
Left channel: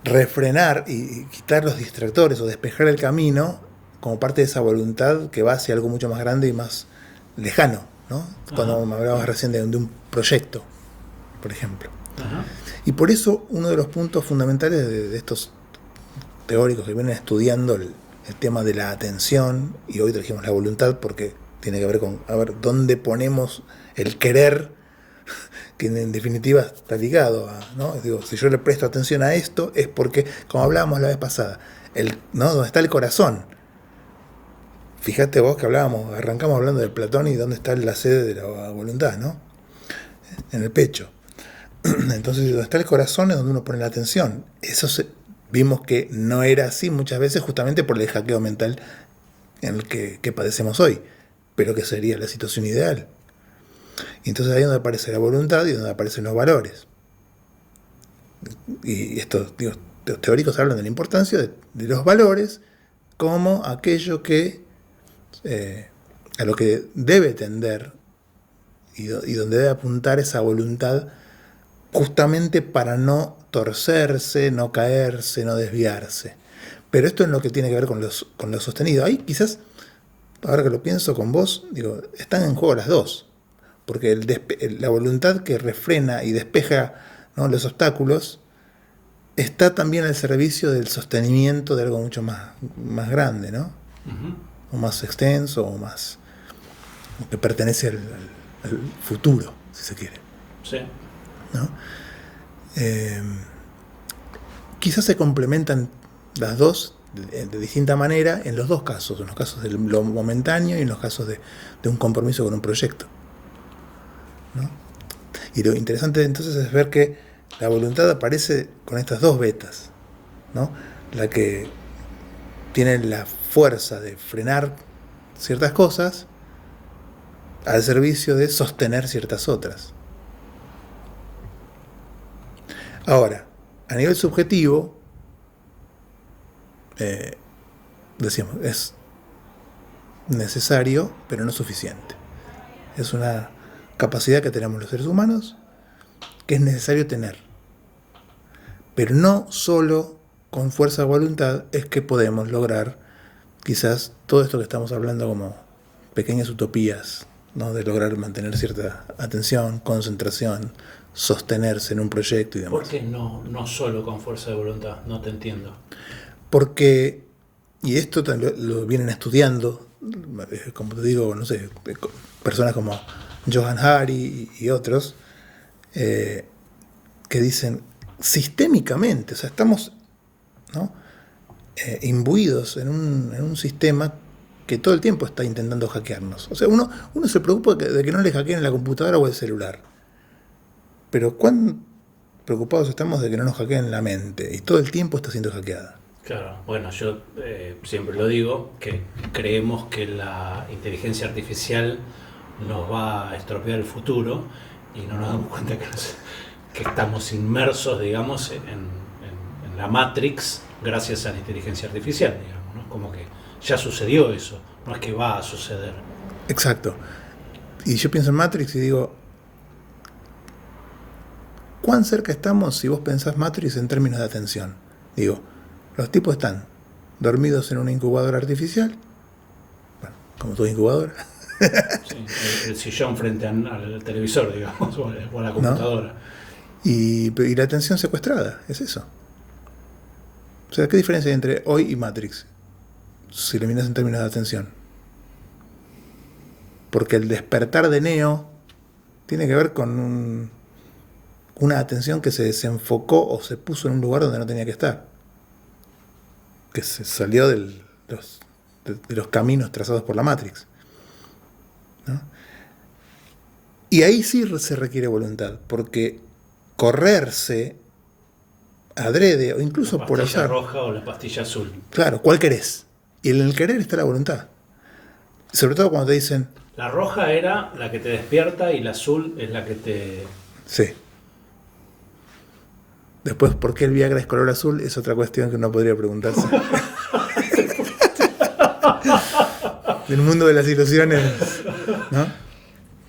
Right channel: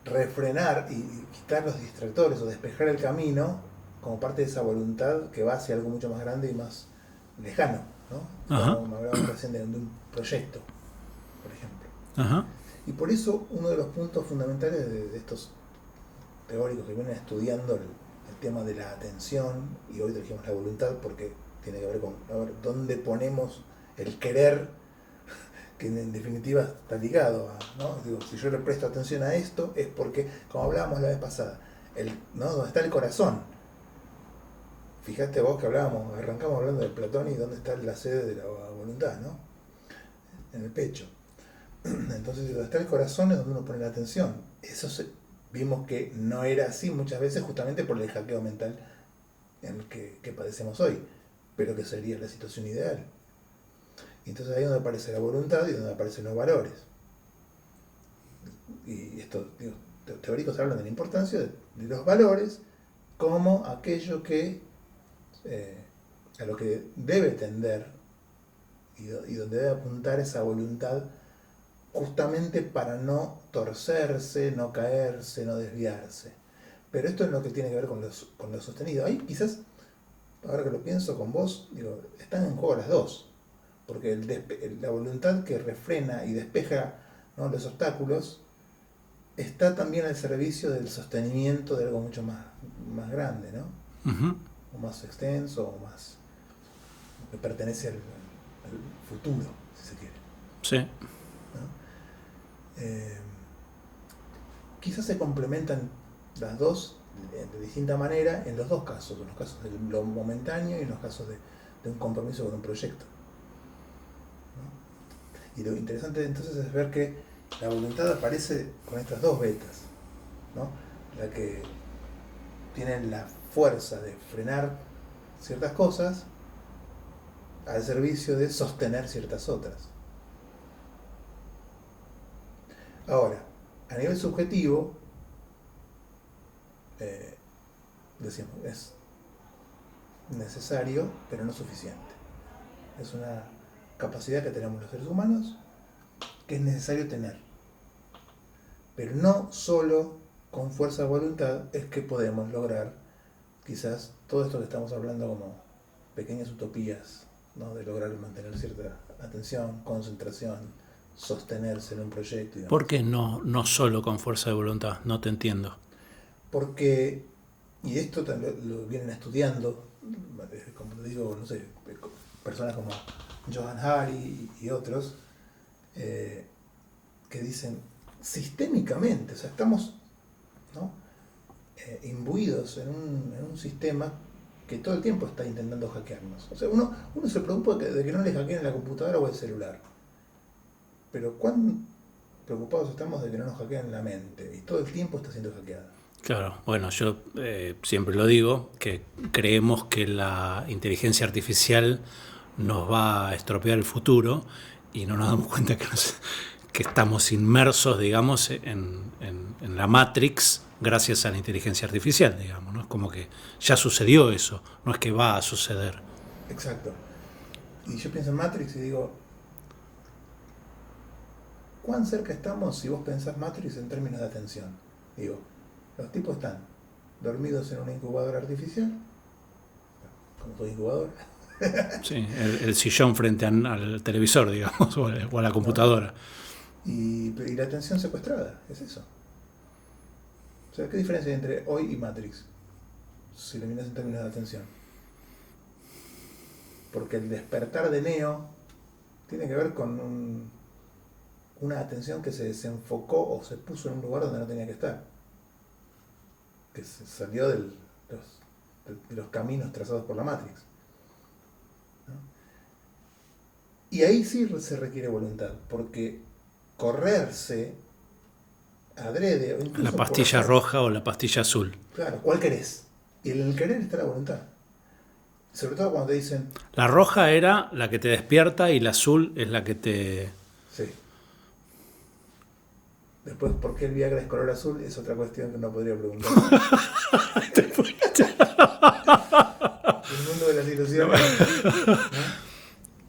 refrenar y quitar los distractores o despejar el camino como parte de esa voluntad que va hacia algo mucho más grande y más lejano, ¿no? Cuando me hablabas recién de un proyecto, por ejemplo. Ajá. Y por eso uno de los puntos fundamentales de estos teóricos que vienen estudiando el tema de la atención, y hoy trajimos la voluntad porque tiene que ver con a ver dónde ponemos el querer, que en definitiva está ligado a, ¿no? Digo, si yo le presto atención a esto es porque, como hablábamos la vez pasada, ¿no? Donde está el corazón. Fíjate vos que arrancamos hablando de Platón y dónde está la sede de la voluntad, ¿no? En el pecho. Entonces, donde está el corazón es donde uno pone la atención. Vimos que no era así muchas veces justamente por el hackeo mental en el que padecemos hoy, pero que sería la situación ideal. Y entonces ahí es donde aparece la voluntad y donde aparecen los valores. y estos los teóricos hablan de la importancia de los valores como aquello que a lo que debe tender y donde debe apuntar esa voluntad justamente para no torcerse, no caerse, no desviarse. Pero esto es lo que tiene que ver con lo sostenido. Ahí quizás, ahora que lo pienso con vos, digo, están en juego las dos. Porque la voluntad que refrena y despeja, ¿no?, los obstáculos está también al servicio del sostenimiento de algo mucho más grande, ¿no? Ujú. O más extenso, o más que pertenece al futuro, si se quiere, Sí. ¿no? Quizás se complementan las dos de distinta manera en los dos casos, en los casos de lo momentáneo y en los casos de un compromiso con un proyecto, ¿no? Y lo interesante entonces es ver que la voluntad aparece con estas dos vetas, ¿no? La que tiene la fuerza de frenar ciertas cosas al servicio de sostener ciertas otras. Ahora, a nivel subjetivo, decíamos, es necesario, pero no suficiente. Es una capacidad que tenemos los seres humanos que es necesario tener. Pero no solo con fuerza de voluntad es que podemos lograr quizás todo esto que estamos hablando como pequeñas utopías, ¿no? De lograr mantener cierta atención, concentración, sostenerse en un proyecto y demás. ¿Por qué no solo con fuerza de voluntad? No te entiendo. Porque, y esto lo vienen estudiando, como te digo, no sé, personas como Johan Hari y otros, que dicen sistémicamente, o sea, estamos, ¿no?, imbuidos en un sistema que todo el tiempo está intentando hackearnos. O sea, uno se preocupa de que no le hackeen la computadora o el celular. Pero ¿cuán preocupados estamos de que no nos hackeen la mente? Y todo el tiempo está siendo hackeada. Claro, bueno, yo siempre lo digo, que creemos que la inteligencia artificial nos va a estropear el futuro y no nos damos cuenta que estamos inmersos, digamos, en la Matrix gracias a la inteligencia artificial, digamos, ¿no? Como que ya sucedió eso, no es que va a suceder. Exacto. Y yo pienso en Matrix y digo, ¿cuán cerca estamos si vos pensás Matrix en términos de atención? Digo, los tipos están dormidos en una incubadora artificial, bueno, como toda incubadora, Sí, el sillón frente al televisor, digamos, o a la computadora. y la atención secuestrada, es eso. O sea, ¿qué diferencia hay entre hoy y Matrix? Si lo miras en términos de atención. Porque el despertar de Neo tiene que ver con una atención que se desenfocó o se puso en un lugar donde no tenía que estar. Que se salió de los caminos trazados por la Matrix, ¿no? Y ahí sí se requiere voluntad, porque correrse adrede o incluso La por pastilla azar, roja o la pastilla azul. claro, ¿cuál querés? Y en el querer está la voluntad. Sobre todo cuando te dicen, La roja era la que te despierta y la azul es la que te... sí. Después, ¿por qué el Viagra es color azul? Es otra cuestión que uno podría preguntarse. El mundo de las ilusiones, ¿no?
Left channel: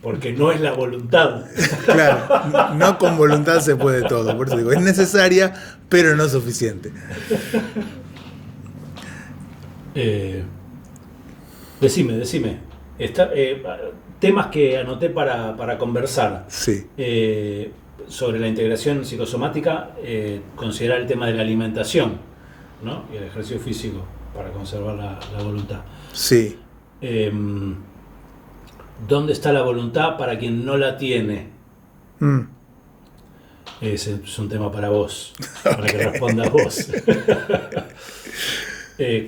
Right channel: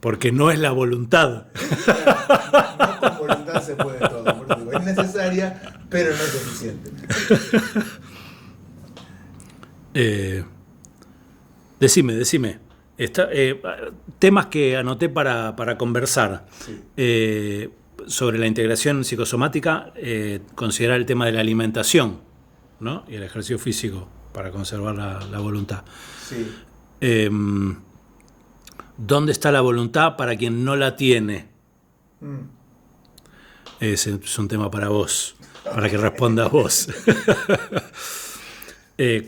Porque no es la voluntad. Claro, no con voluntad se puede todo. Por eso digo, es necesaria, pero no suficiente. Decime. Temas que anoté para conversar. Sí. Sobre la integración psicosomática, considerar el tema de la alimentación, ¿no? Y el ejercicio físico para conservar la voluntad. Sí. ¿Dónde está la voluntad para quien no la tiene? Mm. Ese es un tema para vos, para que respondas vos.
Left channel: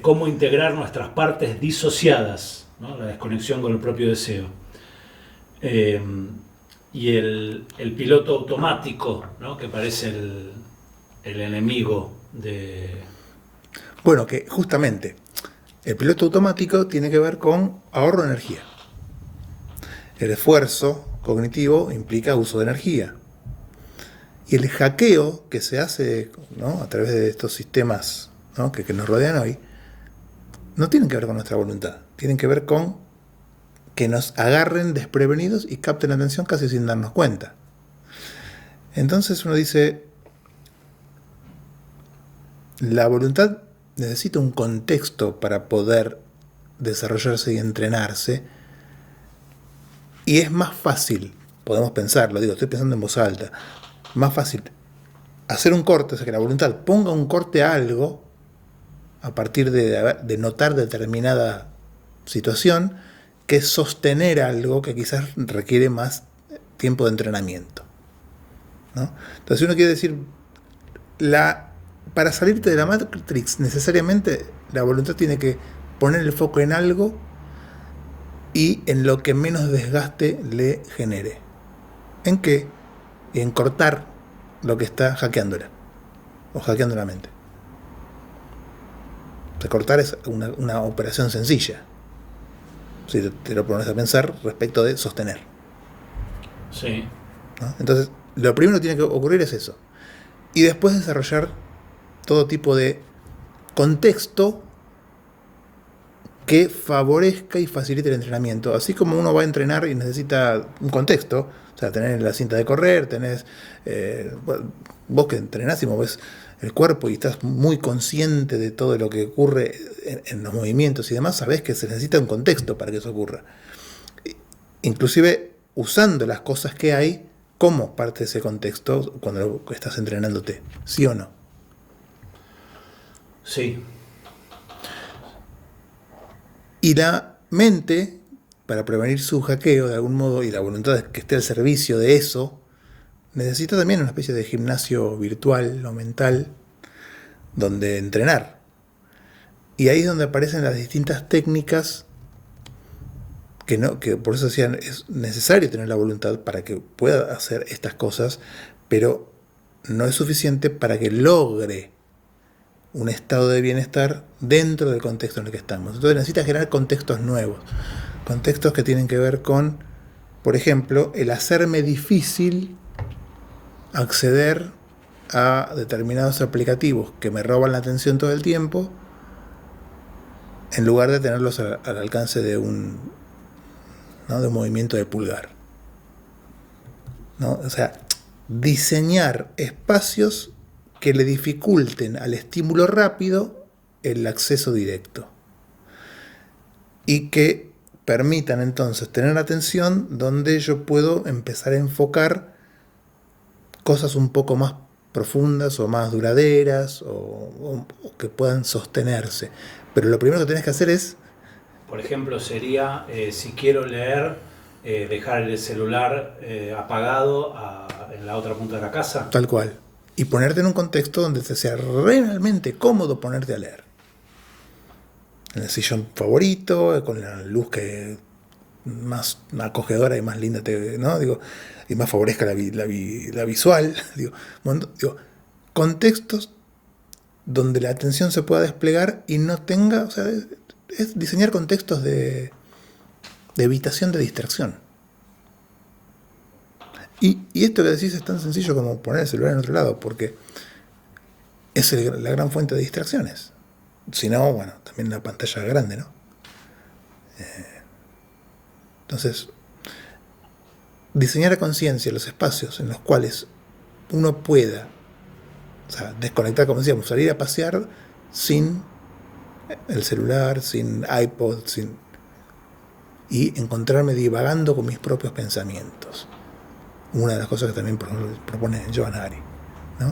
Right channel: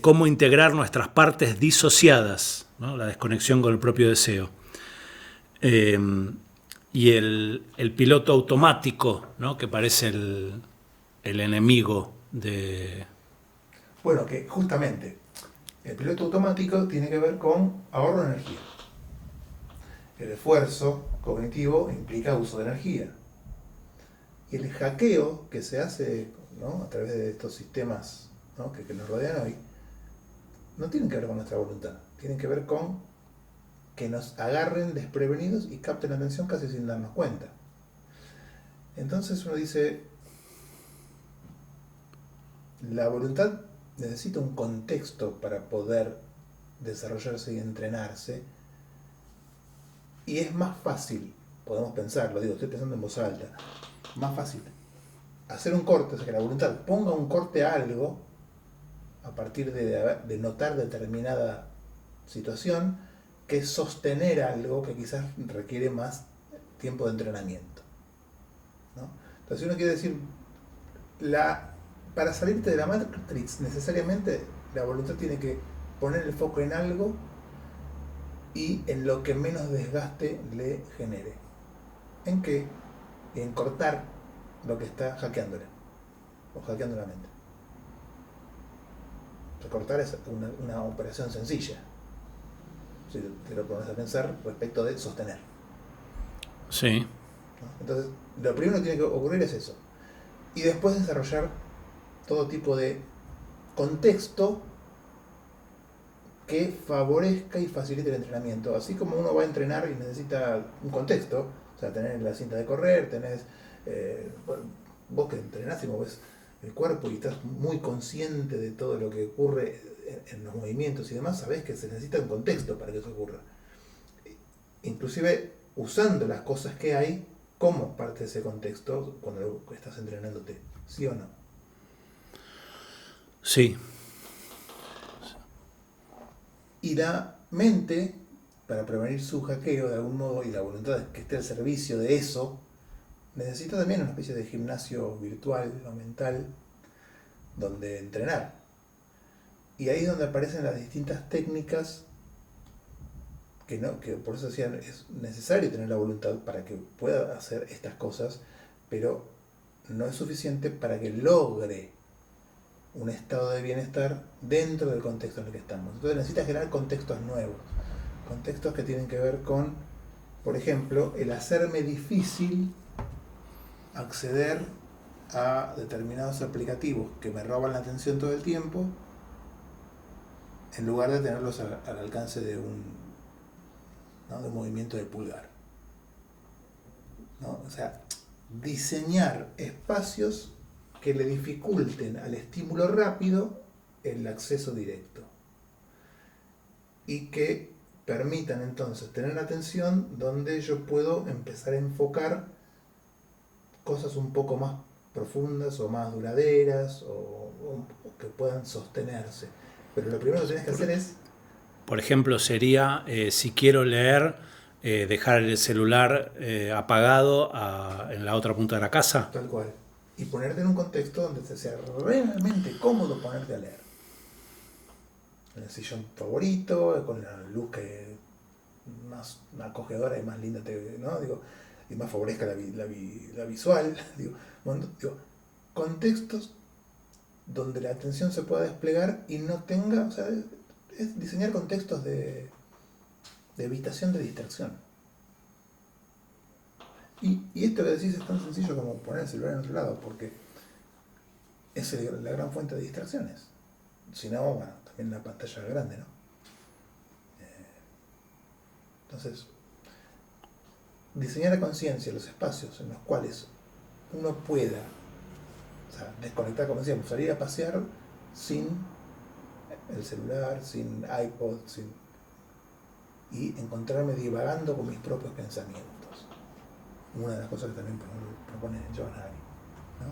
¿Cómo integrar nuestras partes disociadas, ¿no? La desconexión con el propio deseo. Y el piloto automático, ¿no? Que parece el enemigo de... Bueno, que justamente el piloto automático tiene que ver con ahorro de energía. El esfuerzo cognitivo implica uso de energía. Y el hackeo que se hace, ¿no?, a través de estos sistemas, ¿no?, que nos rodean hoy, no tienen que ver con nuestra voluntad, tienen que ver con que nos agarren desprevenidos y capten la atención casi sin darnos cuenta. Entonces uno dice, la voluntad necesita un contexto para poder desarrollarse y entrenarse, y es más fácil, podemos pensarlo, digo, estoy pensando en voz alta, más fácil hacer un corte, o sea, que la voluntad ponga un corte a algo a partir de notar determinada situación, que sostener algo que quizás requiere más tiempo de entrenamiento, ¿no? Entonces uno quiere decir, para salirte de la Matrix necesariamente la voluntad tiene que poner el foco en algo y en lo que menos desgaste le genere. ¿En qué? En cortar lo que está hackeándola o hackeando la mente. Recortar es una operación sencilla, si te lo pones a pensar, respecto de sostener. Sí. ¿No? Entonces, lo primero que tiene que ocurrir es eso. Y después desarrollar todo tipo de contexto que favorezca y facilite el entrenamiento. Así como uno va a entrenar y necesita un contexto, o sea, tenés la cinta de correr, tenés... vos que entrenás y movés el cuerpo y estás muy consciente de todo lo que ocurre en los movimientos y demás, sabés que se necesita un contexto para que eso ocurra. Inclusive usando las cosas que hay como parte de ese contexto cuando estás entrenándote, ¿sí o no? Sí. Y la mente, para prevenir su hackeo de algún modo y la voluntad de que esté al servicio de eso, necesita también una especie de gimnasio virtual o mental donde entrenar. Y ahí es donde aparecen las distintas técnicas que por eso decían, es necesario tener la voluntad para que pueda hacer estas cosas, pero no es suficiente para que logre un estado de bienestar dentro del contexto en el que estamos. Entonces necesita generar contextos nuevos, contextos que tienen que ver con, por ejemplo, el hacerme difícil acceder a determinados aplicativos que me roban la atención todo el tiempo, en lugar de tenerlos al alcance de un movimiento de pulgar, ¿no? O sea, diseñar espacios que le dificulten al estímulo rápido el acceso directo y que permitan entonces tener atención donde yo puedo empezar a enfocar cosas un poco más profundas o más duraderas o que puedan sostenerse. Pero lo primero que tenés que hacer es... Por ejemplo, sería, si quiero leer, dejar el celular apagado en la otra punta de la casa. Tal cual. Y ponerte en un contexto donde te sea realmente cómodo ponerte a leer. En el sillón favorito, con la luz que más acogedora y más linda ¿no? Digo, y más favorezca la visual. Digo, contextos donde la atención se pueda desplegar y no tenga... O sea, es diseñar contextos de evitación de distracción. Y esto que decís es tan sencillo como poner el celular en otro lado, porque es la gran fuente de distracciones. Si no, bueno, también una pantalla grande, ¿no? Entonces, diseñar a conciencia los espacios en los cuales uno pueda, o sea, desconectar, como decíamos, salir a pasear sin el celular, sin iPod, y encontrarme divagando con mis propios pensamientos. Una de las cosas que también propone Johann Hari, ¿no?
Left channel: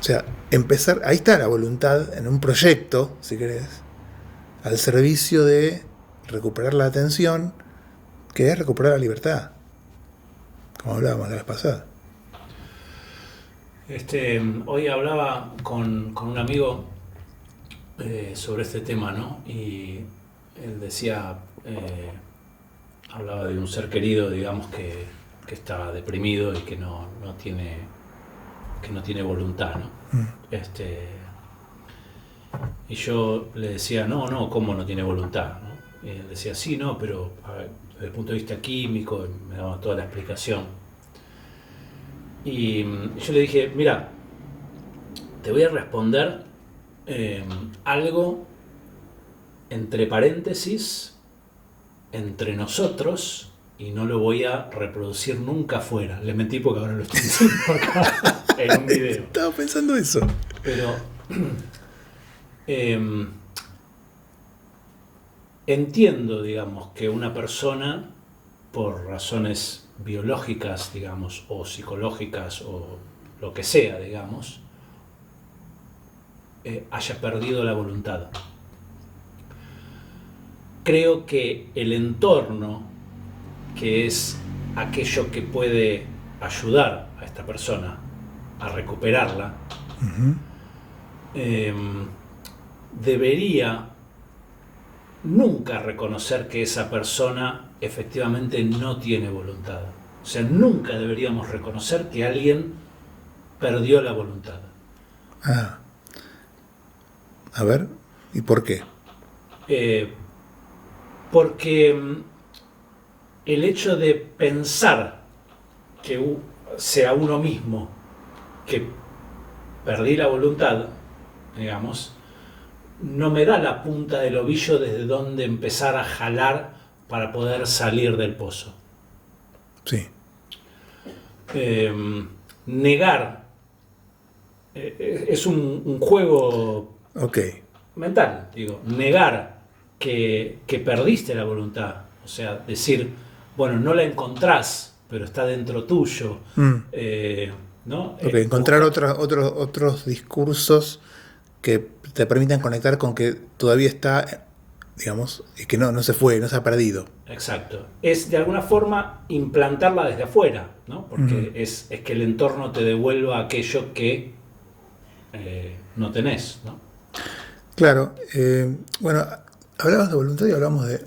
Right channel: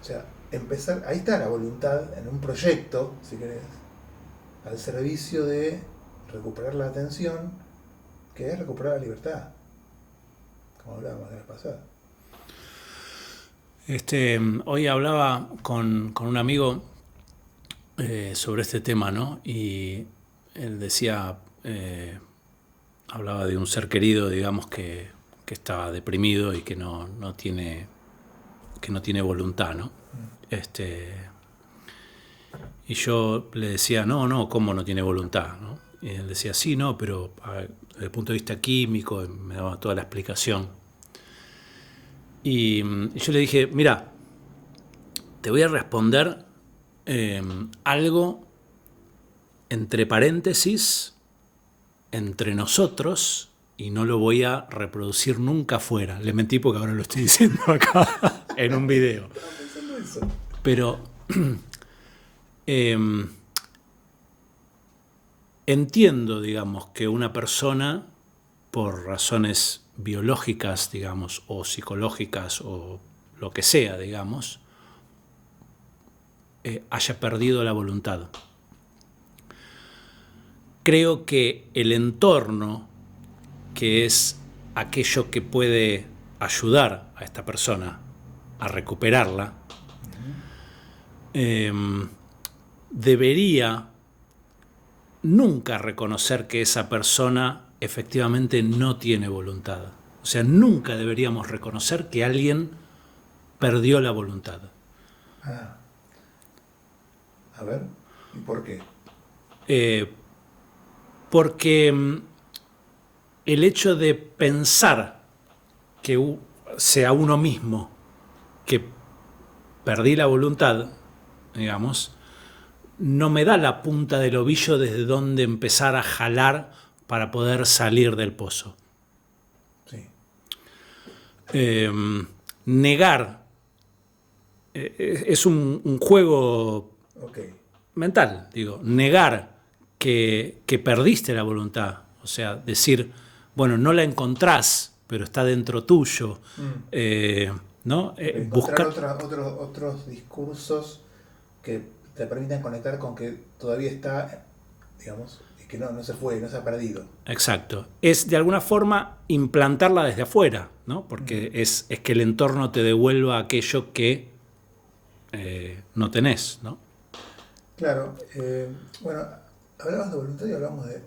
O sea, empezar, ahí está la voluntad en un proyecto, si querés, al servicio de recuperar la atención, que es recuperar la libertad, como hablábamos la vez pasada. Hoy hablaba con un amigo sobre este tema, ¿no? Y él decía, hablaba de un ser querido, digamos, que está deprimido y que no tiene voluntad, ¿no? Y yo le decía, no, ¿cómo no tiene voluntad, ¿no? Y él decía, sí, no, pero a ver, desde el punto de vista químico, me daba toda la explicación. Y yo le dije, mira, te voy a responder algo entre paréntesis, entre nosotros, y no lo voy a reproducir nunca afuera. Le mentí porque ahora lo estoy diciendo acá en un video. Estaba pensando eso. Pero entiendo, digamos, que una persona, por razones biológicas, digamos, o psicológicas, o lo que sea, digamos, haya perdido la voluntad. Creo que el entorno, que es aquello que puede ayudar a esta persona a recuperarla, debería nunca reconocer que esa persona efectivamente no tiene voluntad. O sea, nunca deberíamos reconocer que alguien perdió la voluntad. Ah, a ver, ¿y por qué? Porque el hecho de pensar que sea uno mismo que perdí la voluntad, digamos, no me da la punta del ovillo desde donde empezar a jalar para poder salir del pozo. Sí. Negar es un juego Ok. mental, digo, negar que perdiste la voluntad, o sea, decir, bueno, no la encontrás, pero está dentro tuyo, ¿no? Ok, encontrar otros discursos que te permitan conectar con que todavía está, digamos, y que no se fue, no se ha perdido. Exacto. Es de alguna forma implantarla desde afuera, ¿no? Porque es que el entorno te devuelva aquello que no tenés, ¿no? Claro. Bueno, hablamos de voluntad y hablamos de,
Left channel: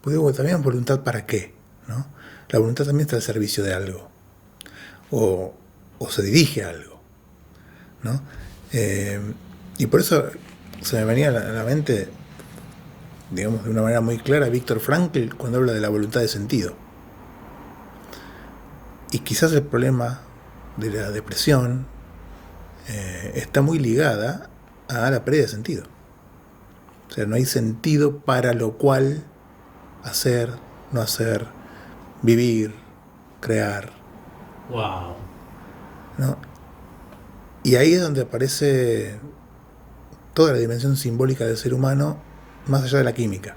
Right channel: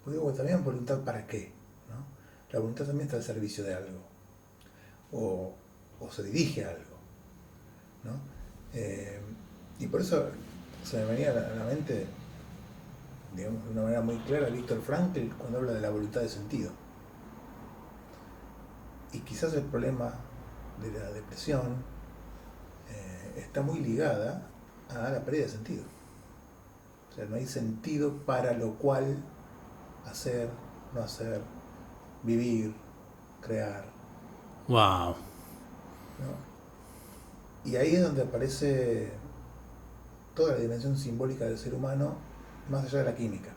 pues digo, también voluntad para qué, ¿no? La voluntad también está al servicio de algo, o se dirige a algo, ¿no? Y por eso se me venía a la mente, digamos, de una manera muy clara, Víctor Frankl cuando habla de la voluntad de sentido. Y quizás el problema de la depresión está muy ligada a la pérdida de sentido. O sea, no hay sentido para lo cual hacer, no hacer, vivir, crear, Wow. ¿no? Y ahí es donde aparece toda la dimensión simbólica del ser humano, más allá de la química,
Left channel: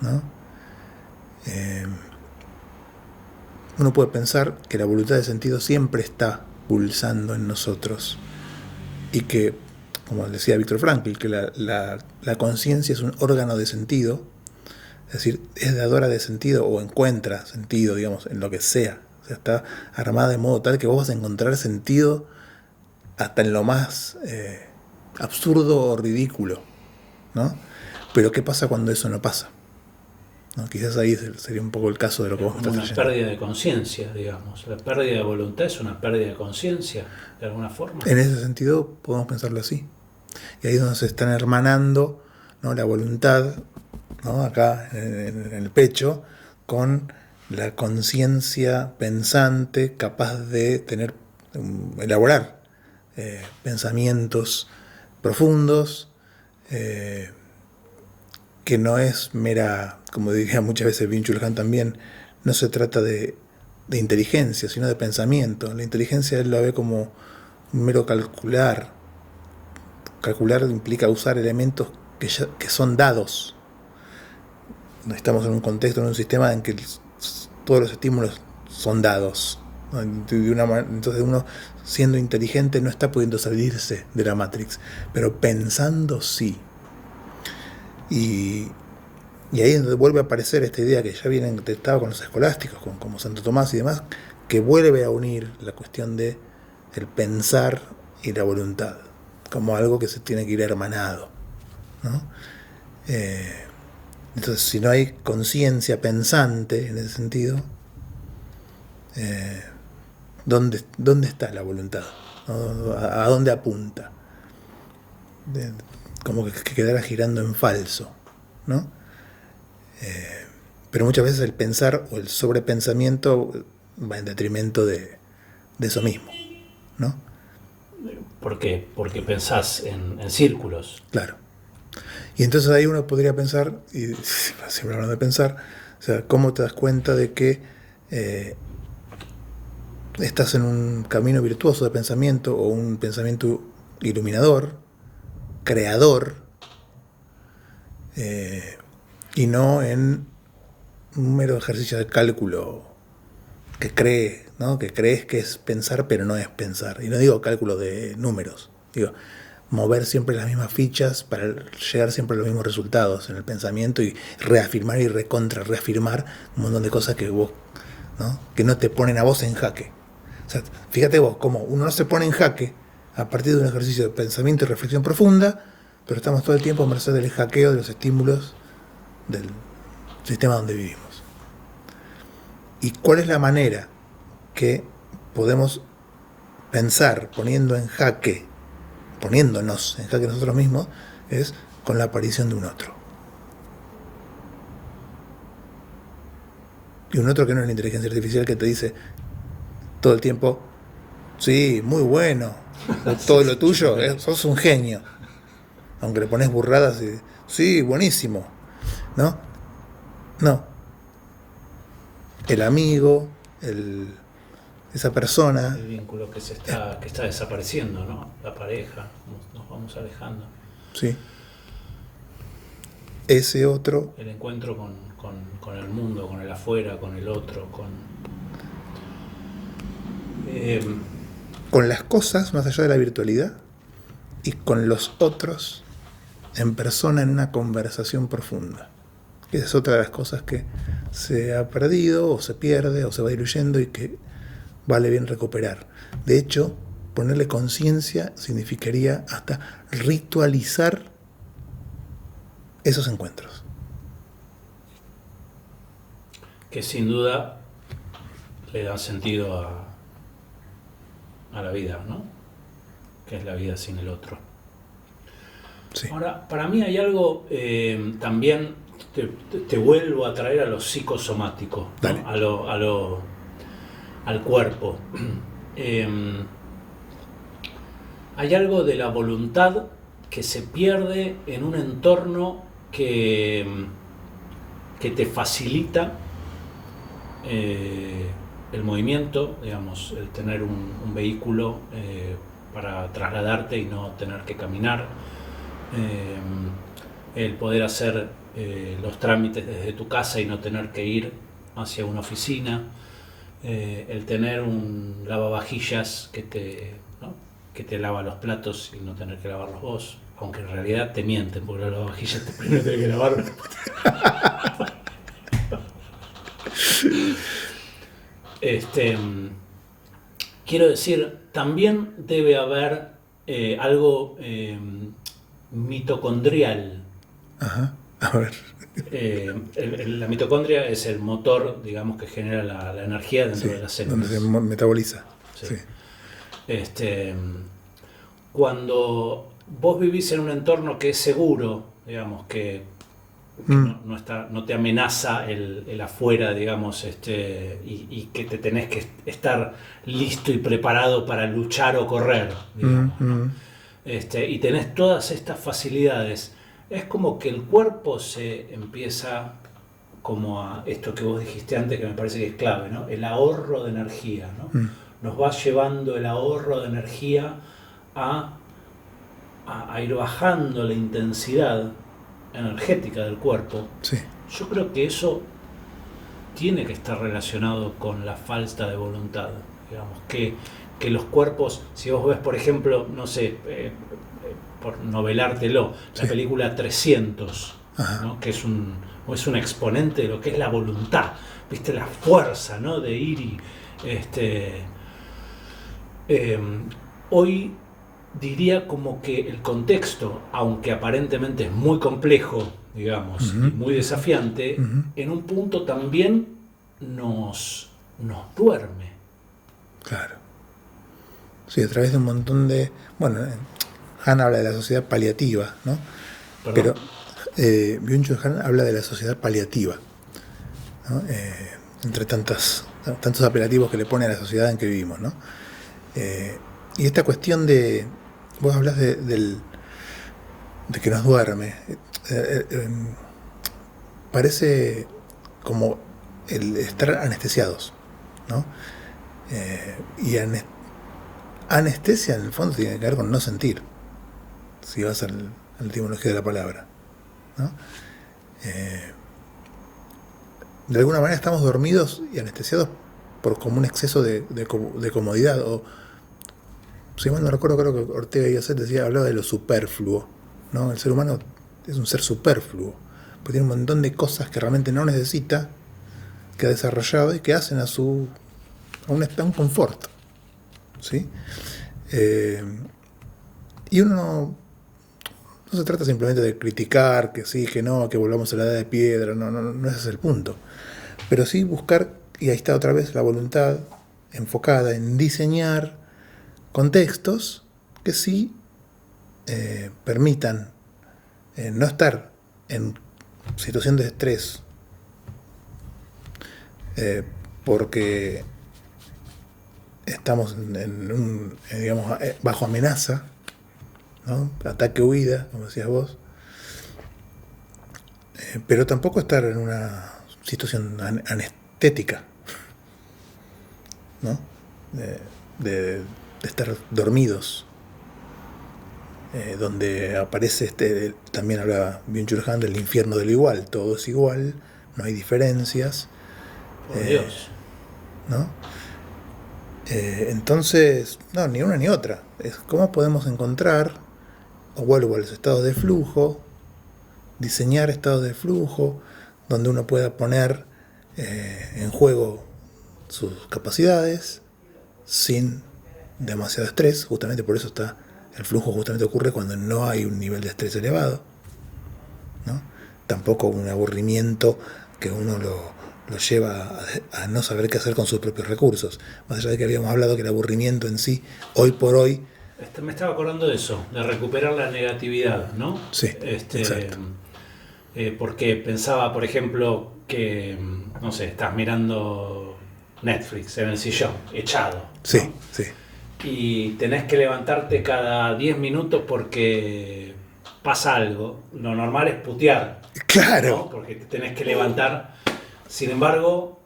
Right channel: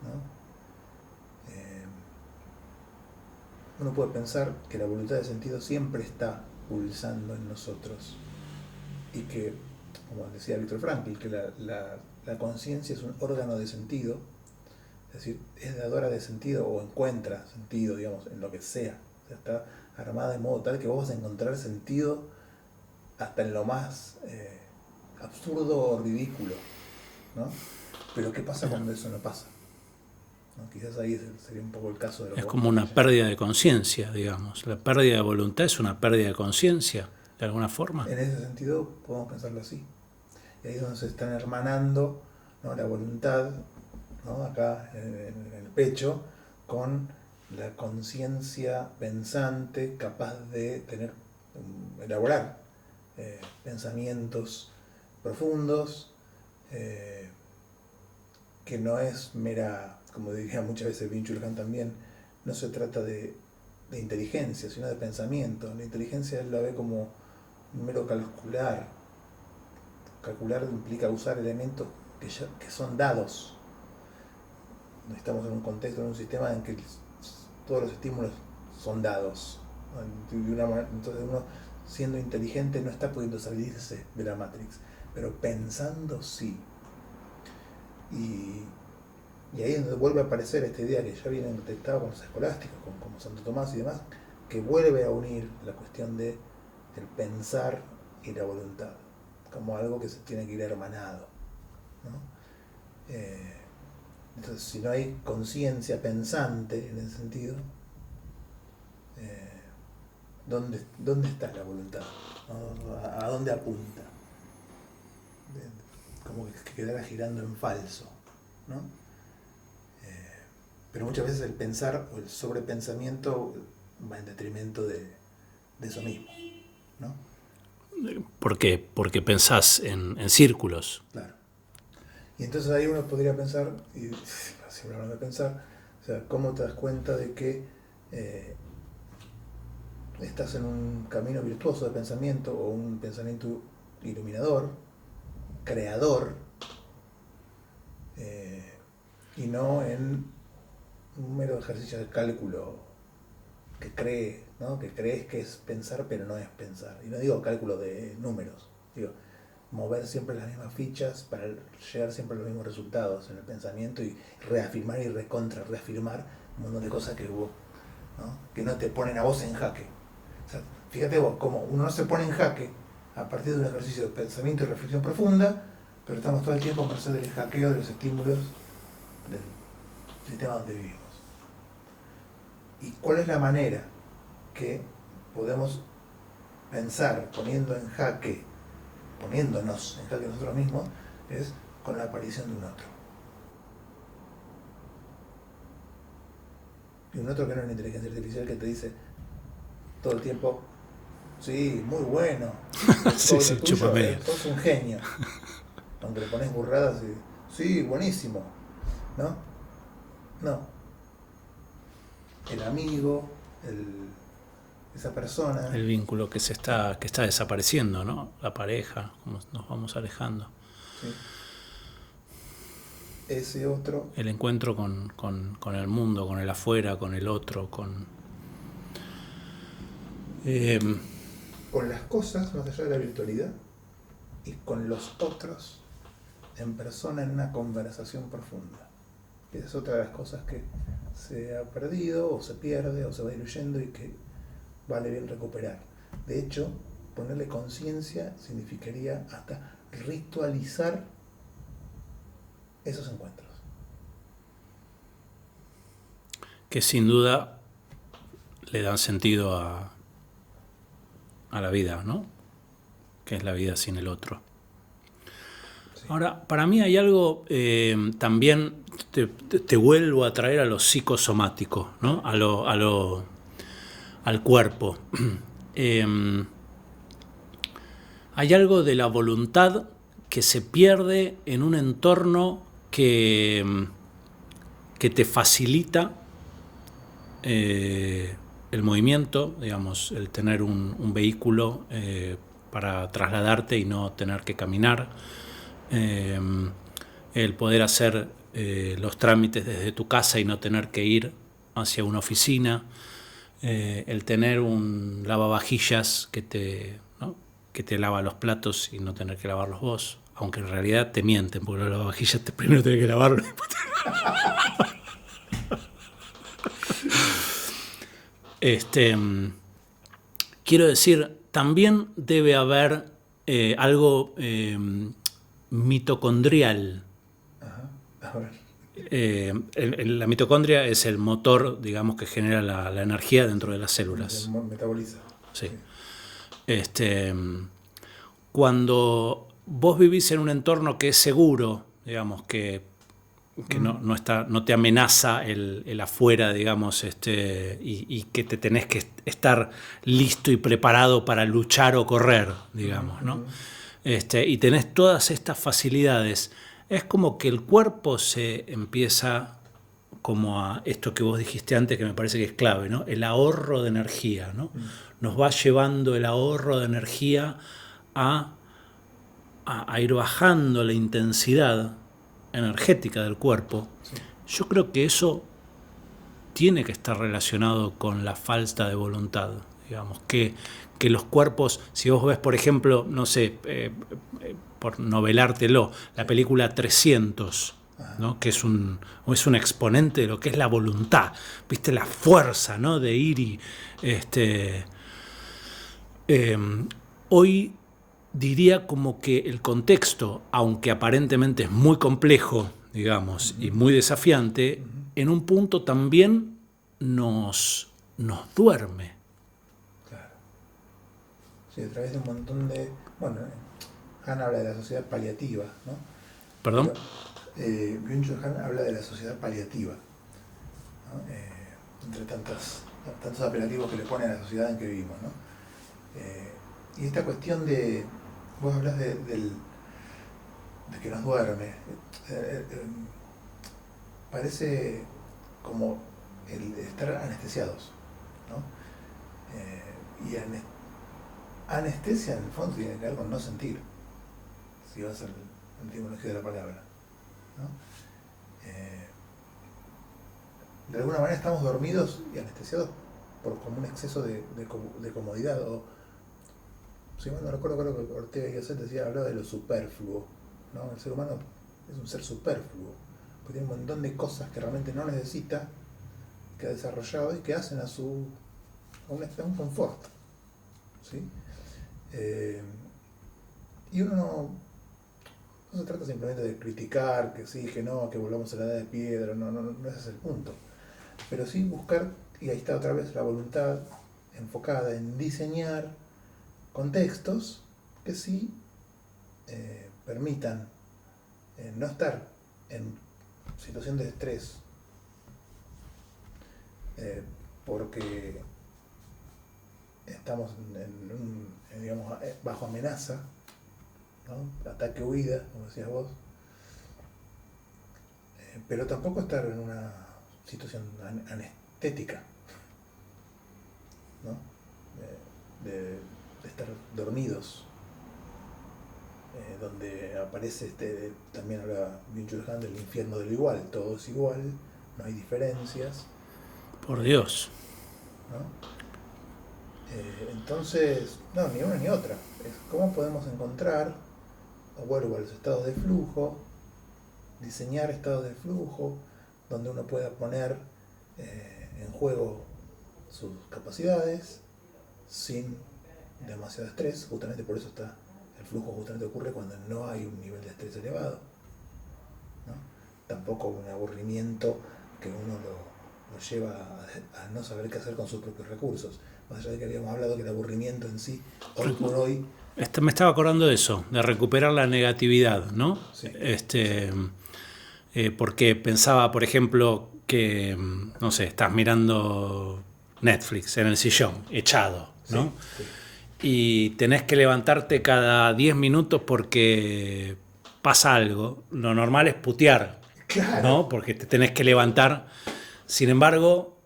¿no? Uno puede pensar que la voluntad de sentido siempre está pulsando en nosotros y que, como decía Víctor Frankl, que la conciencia es un órgano de sentido, es decir, es dadora de sentido o encuentra sentido, digamos, en lo que sea. O sea, está armada de modo tal que vos vas a encontrar sentido hasta en lo más absurdo o ridículo, ¿no? Pero ¿qué pasa cuando eso no pasa? ¿No? Quizás ahí sería un poco el caso de lo que Es vos me como estás una trayendo. pérdida de conciencia, digamos. La pérdida de voluntad es una pérdida de conciencia, de alguna forma. En ese sentido podemos pensarlo así. Y ahí es donde se están hermanando, ¿no? La voluntad, ¿no? Acá en el pecho, con la conciencia pensante capaz de elaborar pensamientos profundos, que no es mera, como diría muchas veces Byung-Chul Han también, no se trata de inteligencia, sino de pensamiento. La inteligencia él la ve como un mero calcular. Calcular implica usar elementos que son dados. No estamos en un contexto, en un sistema en que todos los estímulos son dados, ¿no? Entonces uno, siendo inteligente, no está pudiendo salirse de la Matrix, pero pensando sí. Y ahí es donde vuelve a aparecer esta idea que ya viene detectada con los escolásticos, como Santo Tomás y demás, que vuelve a unir la cuestión de el pensar y la voluntad, como algo que se tiene que ir hermanado, ¿no? Entonces, si no hay conciencia pensante en ese sentido, ¿dónde está la voluntad? ¿No? ¿A dónde apunta? Como que quedara girando en falso, ¿no? Pero muchas veces el pensar o el sobrepensamiento va en detrimento de de eso mismo, ¿no? ¿Por qué? Porque pensás en círculos. Claro. Y entonces ahí uno podría pensar, y siempre hablando de pensar, o sea, ¿cómo te das cuenta de que estás en un camino virtuoso de pensamiento o un pensamiento iluminador, creador, y no en un mero ejercicio de cálculo que cree, ¿no? Que crees que es pensar, pero no es pensar? Y no digo cálculo de números, digo mover siempre las mismas fichas para llegar siempre a los mismos resultados en el pensamiento y reafirmar y reafirmar un montón de cosas que vos, ¿no? Que no te ponen a vos en jaque. O sea, fíjate vos, como uno no se pone en jaque a partir de un ejercicio de pensamiento y reflexión profunda, pero estamos todo el tiempo a merced del hackeo de los estímulos del sistema donde vivimos. ¿Y cuál es la manera que podemos pensar poniéndonos en jaque nosotros mismos? Es con la aparición de un otro. Y un otro que no es la inteligencia artificial que te dice todo el tiempo, sí, muy bueno, todo lo tuyo, sos un genio. Aunque le pones burradas y, sí, buenísimo. ¿No? No. El amigo, esa persona. El vínculo que está desapareciendo, ¿no? La pareja, nos vamos alejando. Sí. Ese otro. El encuentro con el mundo, con el afuera, con el otro, con las cosas más allá de la virtualidad y con los otros en persona en una conversación profunda. Esa es otra de las cosas que se ha perdido o se pierde o se va diluyendo y que vale bien recuperar. De hecho, ponerle conciencia significaría hasta ritualizar esos encuentros. Que sin duda le dan sentido a la vida, ¿no? Que es la vida sin el otro. Sí. Ahora, para mí hay algo también, te vuelvo a traer a lo psicosomático, ¿no? Al cuerpo. Hay algo de la voluntad que se pierde en un entorno que te facilita el movimiento, digamos, el tener un vehículo para trasladarte y no tener que caminar, el poder hacer los trámites desde tu casa y no tener que ir hacia una oficina, el tener un lavavajillas que te lava los platos y no tener que lavarlos vos, aunque en realidad te mienten, porque los lavavajillas primero tenés que lavarlos. Quiero decir, también debe haber algo mitocondrial. Ajá, a ver. La mitocondria es el motor, digamos, que genera la energía dentro de las células. Donde se metaboliza. Sí. Sí. Cuando vos vivís en un entorno que es seguro, digamos, que no te amenaza el afuera, digamos, y que te tenés que estar listo y preparado para luchar o correr, digamos, ¿no? Y tenés todas estas facilidades, es como que el cuerpo se empieza como a esto que vos dijiste antes, que me parece que es clave, ¿no? El ahorro de energía, ¿no? Nos va llevando el ahorro de energía a ir bajando la intensidad energética del cuerpo. Sí. Yo creo que eso tiene que estar relacionado con la falta de voluntad, digamos, que los cuerpos, si vos ves, por ejemplo, no sé, por novelártelo, la película 300, ¿no? Que es un exponente de lo que es la voluntad, viste, la fuerza, ¿no? De ir y hoy diría como que el contexto, aunque aparentemente es muy complejo, digamos, y muy desafiante, en un punto también nos duerme. Claro. Sí, a través de un montón de... Bueno, Han habla de la sociedad paliativa, ¿no? ¿Perdón? Pero Byung-Chul Han habla de la sociedad paliativa, ¿no? Entre tantos apelativos que le pone a la sociedad en que vivimos, ¿no? Eh, y esta cuestión de, vos hablas de que nos duerme, parece como el estar anestesiados, ¿no? Y anestesia en el fondo tiene que ver con no sentir, si vas a la etimología de la palabra, ¿no? Eh, de alguna manera estamos dormidos y anestesiados por como un exceso de comodidad, o si mal no recuerdo, creo que Ortega y Gasset hablaba de lo superfluo, ¿no? El ser humano es un ser superfluo, porque tiene un montón de cosas que realmente no necesita, que ha desarrollado y que hacen a un confort, ¿sí? Eh, y uno no se trata simplemente de criticar, que sí, que no, que volvamos a la edad de piedra, no ese es el punto. Pero sí buscar, y ahí está otra vez la voluntad enfocada en diseñar contextos que sí permitan no estar en situación de estrés, porque estamos digamos, bajo amenaza, ¿no? Ataque-huida, como decías vos, pero tampoco estar en una situación anestética, ¿no? De estar dormidos, donde aparece también hablaba Byung-Chul Han del infierno del igual, todo es igual, no hay diferencias. Por Dios. ¿No? Entonces, no, ni una ni otra. Es cómo podemos encontrar, o vuelvo a los estados de flujo, diseñar estados de flujo donde uno pueda poner en juego sus capacidades sin demasiado estrés. Justamente por eso el flujo justamente ocurre cuando no hay un nivel de estrés elevado, ¿no? Tampoco un aburrimiento que uno lo lleva a no saber qué hacer con sus propios recursos. Más allá de que habíamos hablado que el aburrimiento en sí, hoy por hoy... Me estaba acordando de eso, de recuperar la negatividad, ¿no? Sí, exacto. Porque pensaba, por ejemplo, que, no sé, estás mirando Netflix en el sillón, echado, ¿no? Sí, sí. Y tenés que levantarte cada 10 minutos porque pasa algo. Lo normal es putear, Claro. ¿no? Porque te tenés que levantar. Sin embargo,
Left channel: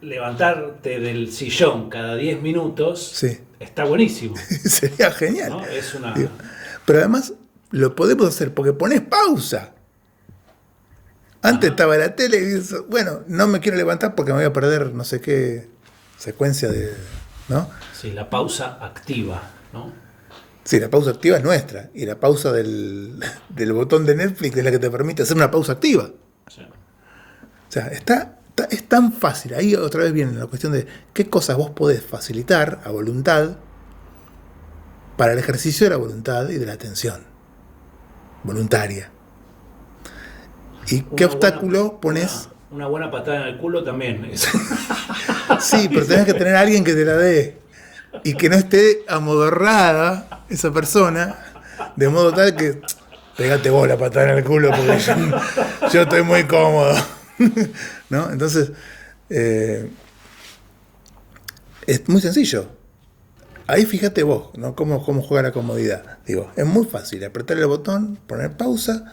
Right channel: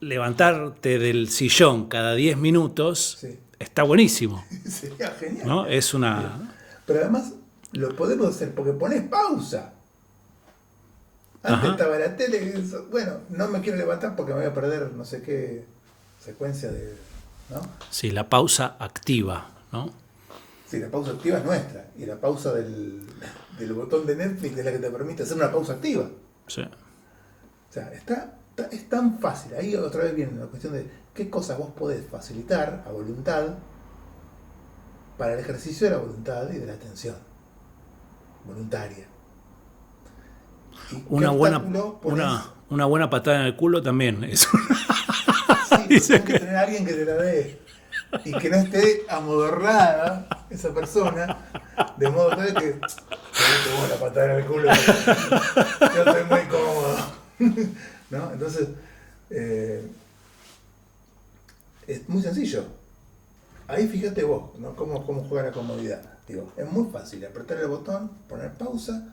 levantarte del sillón cada 10 minutos Sí. está buenísimo. Sería genial, ¿no? Es una... Digo, pero además lo podemos hacer porque pones pausa. Antes estaba la tele y dices, bueno, no me quiero levantar porque me voy a perder no sé qué secuencia de... ¿no? Sí, la pausa activa, ¿no? Sí, la pausa activa es nuestra. Y la pausa del botón de Netflix es la que te permite hacer una pausa activa. Sí. O sea, es tan fácil. Ahí otra vez viene la cuestión de qué cosas vos podés facilitar a voluntad para el ejercicio de la voluntad y de la atención voluntaria. ¿Y qué obstáculo pones? Una buena patada en el culo también. Sí, pero tenés que tener a alguien que te la dé y que no esté amodorrada esa persona, de modo tal que pegate vos la patada en el culo porque yo estoy muy cómodo. ¿No? Entonces, es muy sencillo. Ahí fíjate vos, ¿no? Cómo juega la comodidad. Digo, es muy fácil, apretar el botón, poner pausa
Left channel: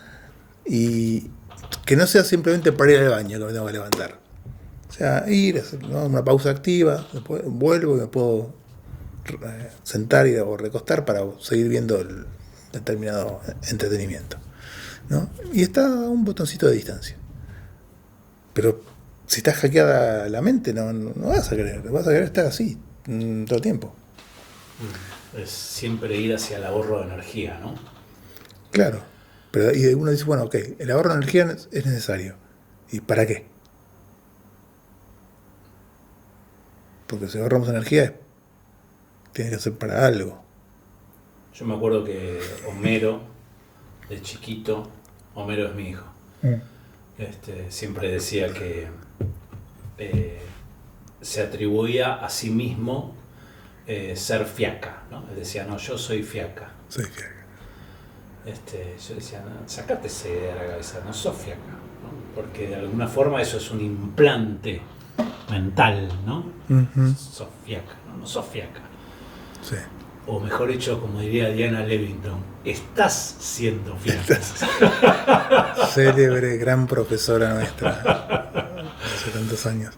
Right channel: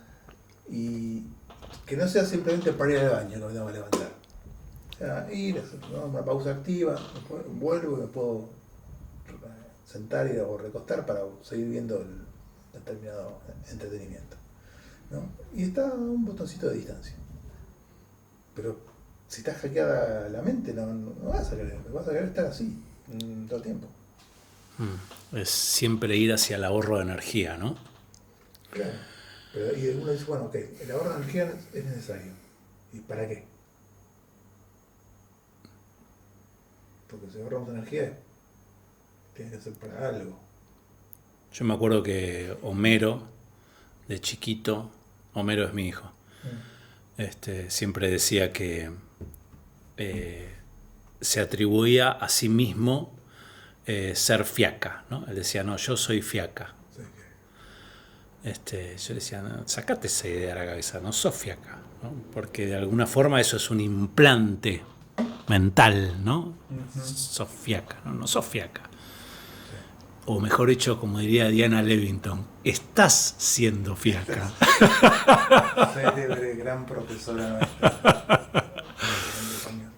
y que no sea simplemente para ir al baño que me tengo que levantar. O sea, hacer, ¿no? Una pausa activa, después vuelvo y me puedo sentar o recostar para seguir viendo el determinado entretenimiento, ¿no? Y está a un botoncito de distancia. Pero si estás hackeada la mente, no vas a querer estar así todo el tiempo. Es siempre ir hacia el ahorro de energía, ¿no? Claro. Pero y uno dice, bueno, ok, el ahorro de energía es necesario. ¿Y para qué? Porque si ahorramos energía, tiene que ser para algo. Yo me acuerdo que Homero, de chiquito, Homero es mi hijo, siempre decía que se atribuía a sí mismo ser fiaca, ¿no? Él decía, no, yo soy fiaca. Soy fiaca. Yo le decía, no, sacate esa idea de la cabeza, no sos fiaca, ¿no? Porque de alguna forma eso es un implante mental, ¿no? Uh-huh. Sos fiaca, no sos fiaca. Sí. O mejor dicho, como diría Diana Levington, estás siendo fiaca. Célebre, gran profesora nuestra, hace tantos años.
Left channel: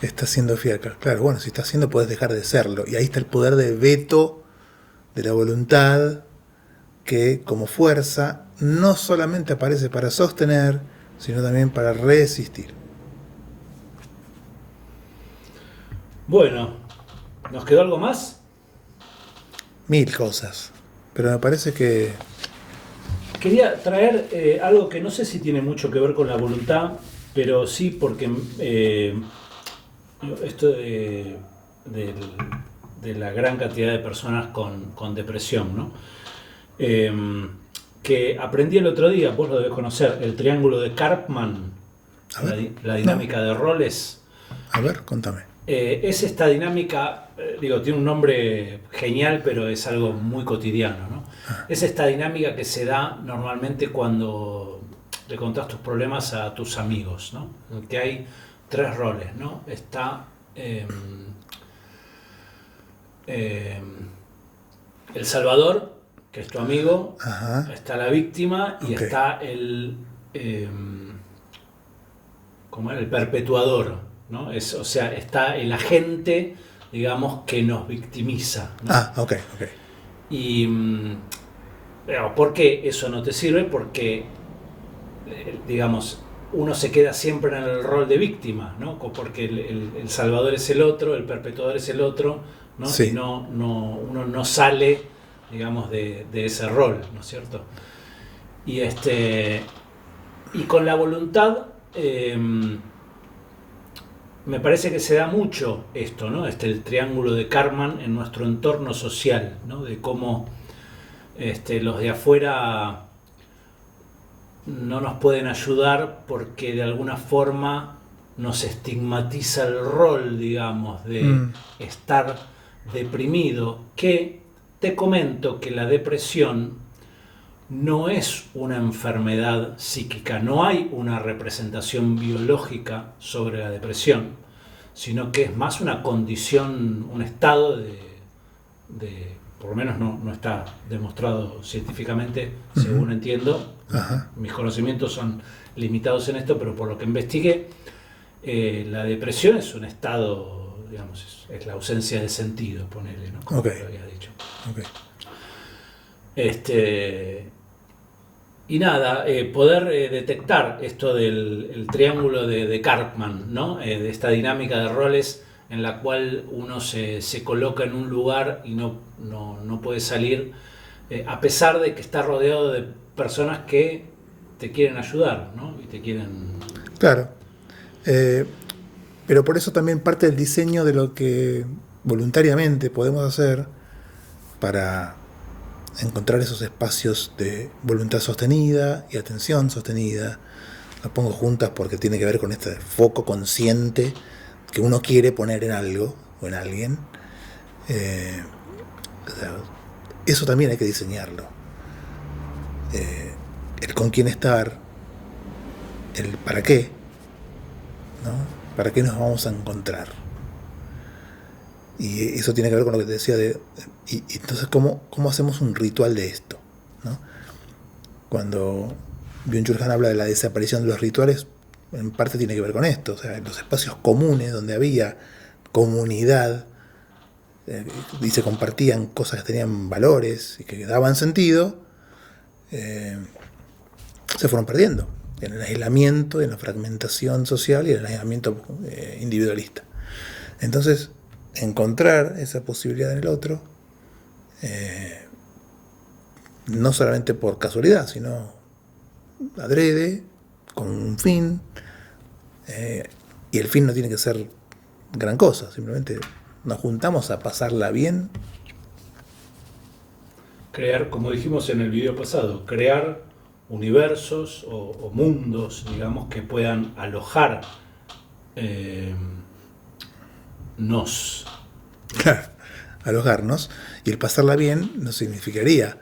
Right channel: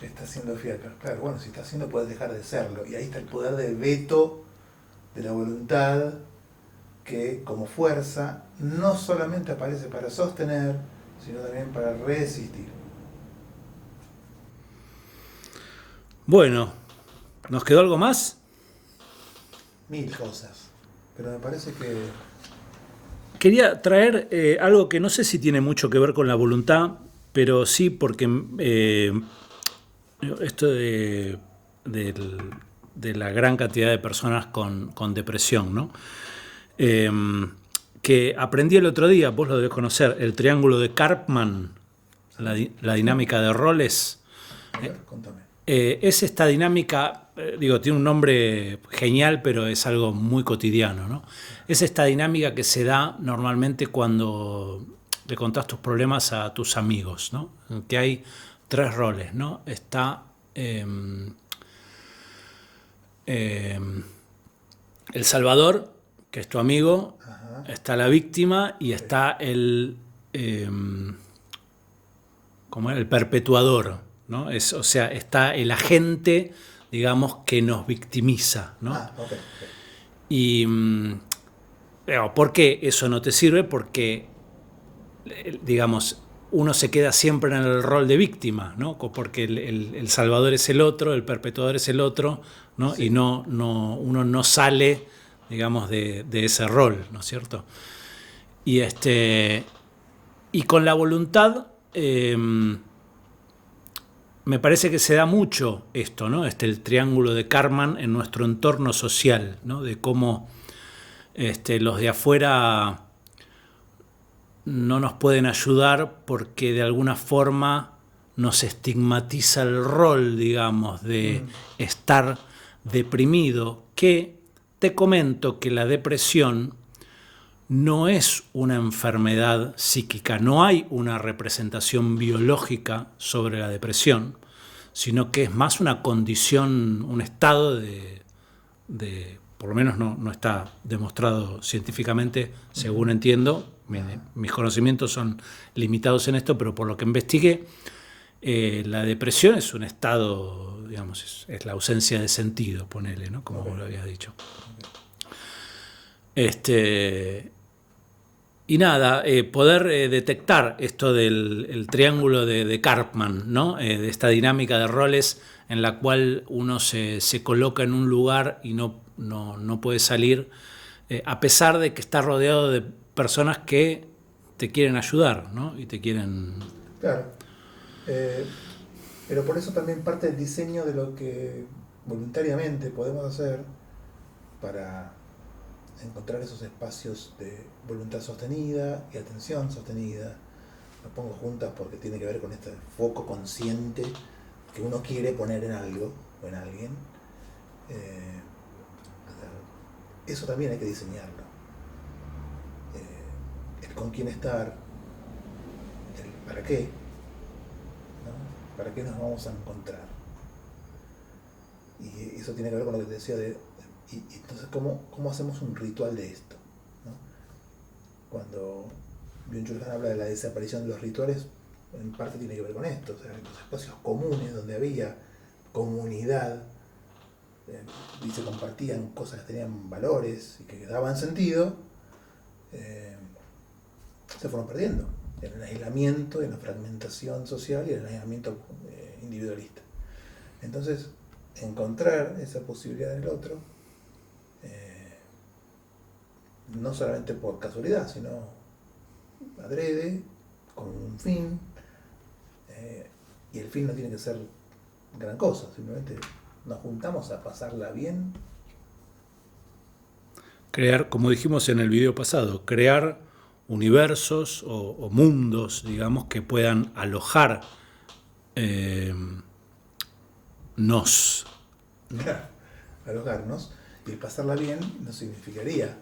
Estás siendo fiaca. Claro, bueno, si estás siendo, puedes dejar de serlo. Y ahí está el poder de veto de la voluntad, que como fuerza no solamente aparece para sostener, sino también para resistir. Bueno, ¿nos quedó algo más? Mil cosas. Pero me parece que... Quería traer algo que no sé si tiene mucho que ver con la voluntad, pero sí porque esto de la gran cantidad de personas con depresión, ¿no? Que aprendí el otro día, vos lo debes conocer, el triángulo de Karpman, la dinámica de roles. A ver, contame. Es esta dinámica, tiene un nombre genial, pero es algo muy cotidiano, ¿no? Es esta dinámica que se da normalmente cuando le contás tus problemas a tus amigos, ¿no? En que hay 3 roles, ¿no? Está el salvador, que es tu amigo. Ajá. Está la víctima y Ok. está ¿cómo era? El perpetuador, ¿no? O sea, está el agente, digamos, que nos victimiza, ¿no? Ah, ok, ok. Y ¿por qué eso no te sirve? Porque, digamos, uno se queda siempre en el rol de víctima, ¿no? Porque el salvador es el otro, el perpetuador es el otro, ¿no? Sí. Y uno no sale, digamos, de ese rol, ¿no es cierto? Y con la voluntad me parece que se da mucho esto, ¿no? El triángulo de Karpman en nuestro entorno social, ¿no? De cómo los de afuera no nos pueden ayudar porque de alguna forma nos estigmatiza el rol, digamos, de estar deprimido, que te comento que la depresión no es una enfermedad psíquica, no hay una representación biológica sobre la depresión, sino que es más una condición, un estado por lo menos no está demostrado científicamente, según entiendo. Mis conocimientos son limitados en esto, pero por lo que investigué, la depresión es un estado, digamos, es la ausencia de sentido, ponele, ¿no? Como lo habías dicho. Okay. Y nada, poder detectar esto del triángulo de Karpman, ¿no? De esta dinámica de roles en la cual uno se coloca en un lugar y no puede salir, a pesar de que está rodeado de personas que te quieren ayudar, ¿no? Y te quieren... Claro. Pero por eso también parte del diseño de lo que voluntariamente podemos hacer para encontrar esos espacios de voluntad sostenida y atención sostenida. Las pongo juntas porque tiene que ver con este foco consciente que uno quiere poner en algo o en alguien. O sea, eso también hay que diseñarlo. El con quién estar, el para qué, ¿no? ¿Para qué nos vamos a encontrar? Y eso tiene que ver con lo que te decía y entonces ¿cómo hacemos un ritual de esto? ¿No? Cuando Byung-Chul Han habla de la desaparición de los rituales, en parte tiene que ver con esto, o sea, los espacios comunes donde había comunidad y se compartían cosas que tenían valores y que daban sentido, se fueron perdiendo en el aislamiento, en la fragmentación social y en el aislamiento individualista. Entonces, encontrar esa posibilidad en el otro, no solamente por casualidad, sino adrede, con un fin, y el fin no tiene que ser gran cosa, simplemente nos juntamos a pasarla bien. Crear, como dijimos en el video pasado, crear universos o mundos, digamos, que puedan alojar nos. Claro, alojarnos, y el pasarla bien no significaría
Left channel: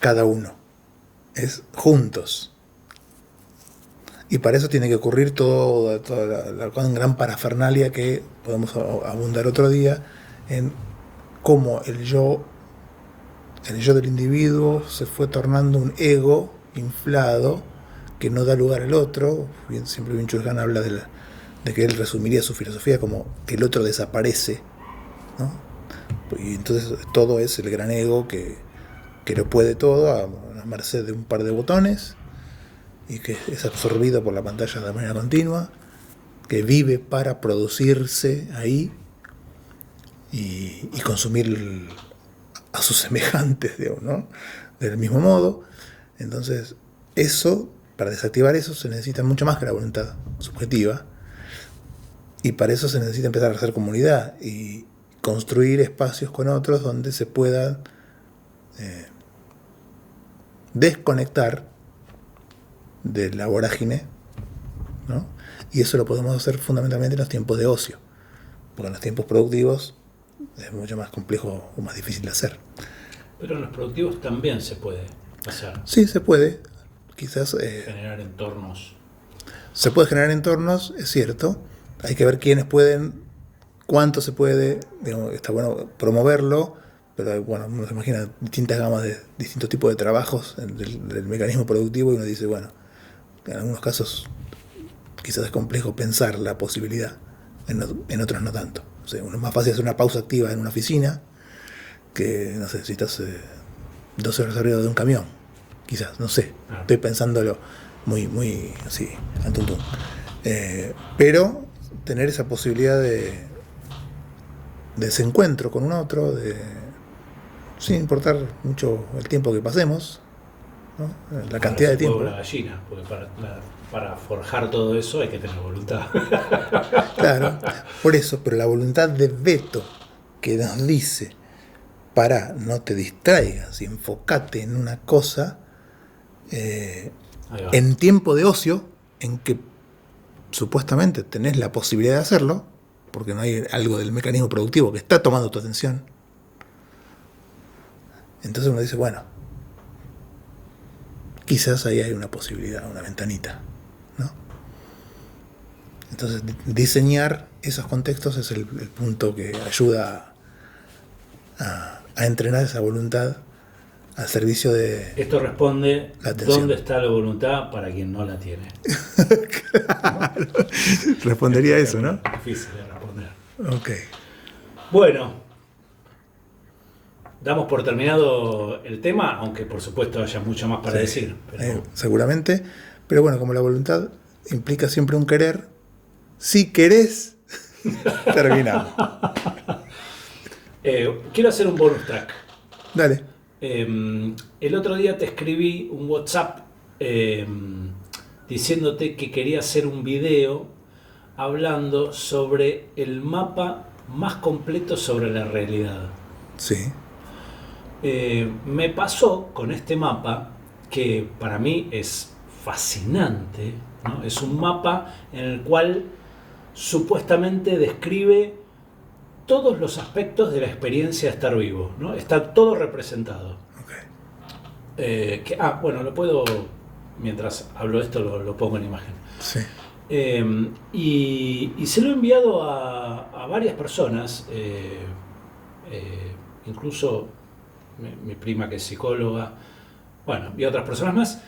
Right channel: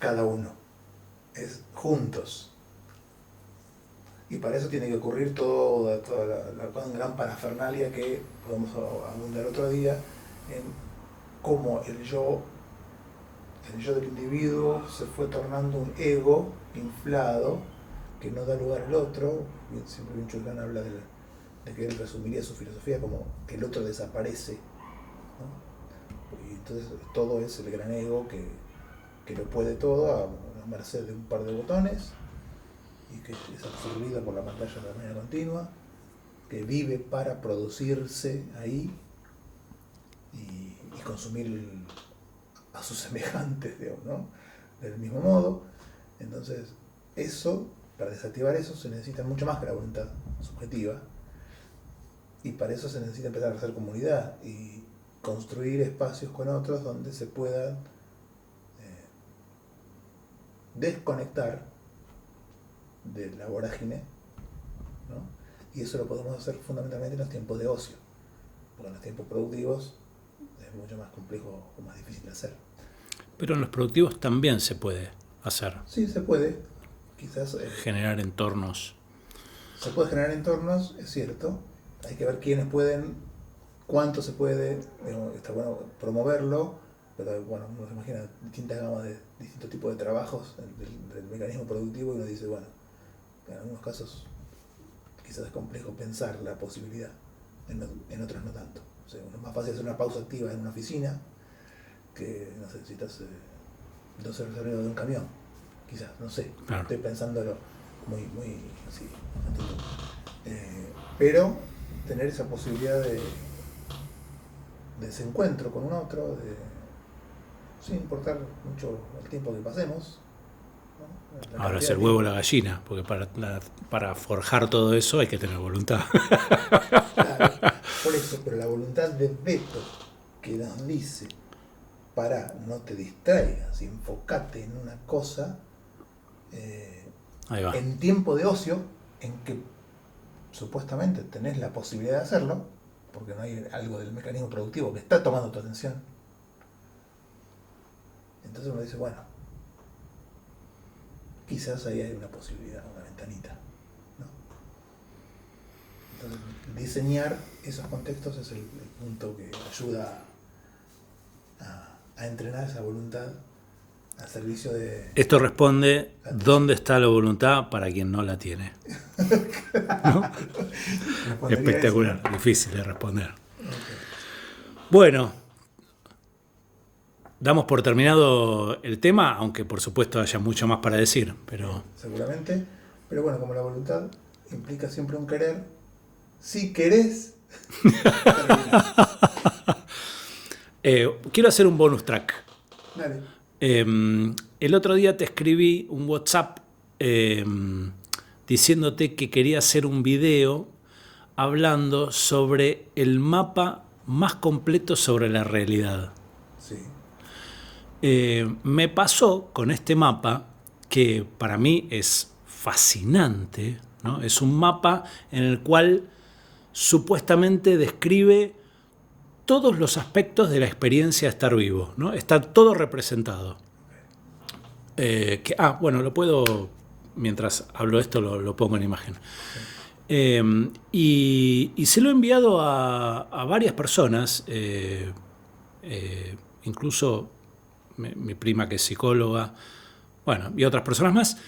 cada uno, es juntos. Y para eso tiene que ocurrir toda la gran parafernalia que podemos abundar otro día en cómo el yo del individuo se fue tornando un ego inflado que no da lugar al otro. Siempre Byung-Chul Han habla de que él resumiría su filosofía como que el otro desaparece, ¿no? Y entonces todo es el gran ego que lo puede todo a merced de un par de botones y que es absorbido por la pantalla de manera continua, que vive para producirse ahí y consumir a sus semejantes, digamos, ¿no? Del mismo modo. Entonces, para desactivar eso se necesita mucho más que la voluntad subjetiva, y para eso se necesita empezar a hacer comunidad y construir espacios con otros donde se pueda desconectar de la vorágine, ¿no? Y eso lo podemos hacer fundamentalmente en los tiempos de ocio, porque en los tiempos productivos es mucho más complejo o más difícil de hacer. Pero en los productivos también se puede hacer. Sí, se puede. Quizás generar entornos. Se puede generar entornos, es cierto. Hay que ver quiénes pueden, cuánto se puede. Digamos, está bueno promoverlo, pero bueno, uno se imagina distintas gamas de distintos tipos de trabajos del mecanismo productivo y uno dice, bueno, en algunos casos quizás es complejo pensar la posibilidad, en otros no tanto. O sea, uno es más fácil hacer una pausa activa en una oficina que, no sé, si estás 12 horas arriba de un camión, quizás, no sé. Claro. Estoy pensándolo muy así, al tuntún. Pero tener esa posibilidad de desencuentro con un otro, sin importar mucho el tiempo que pasemos, ¿no? La cantidad de tiempo. Huevo la gallina, porque para forjar todo eso hay que tener voluntad. Claro, por eso, pero la voluntad de veto que nos dice, no te distraigas y enfócate en una cosa, en tiempo de ocio, en que supuestamente tenés la posibilidad de hacerlo, porque no hay algo del mecanismo productivo que está tomando tu atención. Entonces uno dice, bueno, quizás ahí hay una posibilidad, una ventanita, ¿no? Entonces diseñar esos contextos es el punto que ayuda a entrenar esa voluntad al servicio de... Esto responde, ¿dónde está la voluntad para quien no la tiene? Claro. ¿No? Respondería eso, ¿no? Difícil de responder. Okay. Bueno, damos por terminado el tema, aunque por supuesto haya mucho más para decir. Pero... seguramente, pero bueno, como la voluntad implica siempre un querer, si querés, terminamos. Quiero hacer un bonus track. Dale. El otro día te escribí un WhatsApp diciéndote que quería hacer un video hablando sobre el mapa más completo sobre la realidad. Sí. Me pasó con este mapa, que para mí es fascinante, ¿no? Es un mapa en el cual supuestamente describe todos los aspectos de la experiencia de estar vivo, ¿no? Está todo representado. Okay. Bueno, lo puedo, mientras hablo esto, lo pongo en imagen. Sí. Y se lo he enviado a varias personas, incluso mi prima que es psicóloga, bueno, y otras personas más,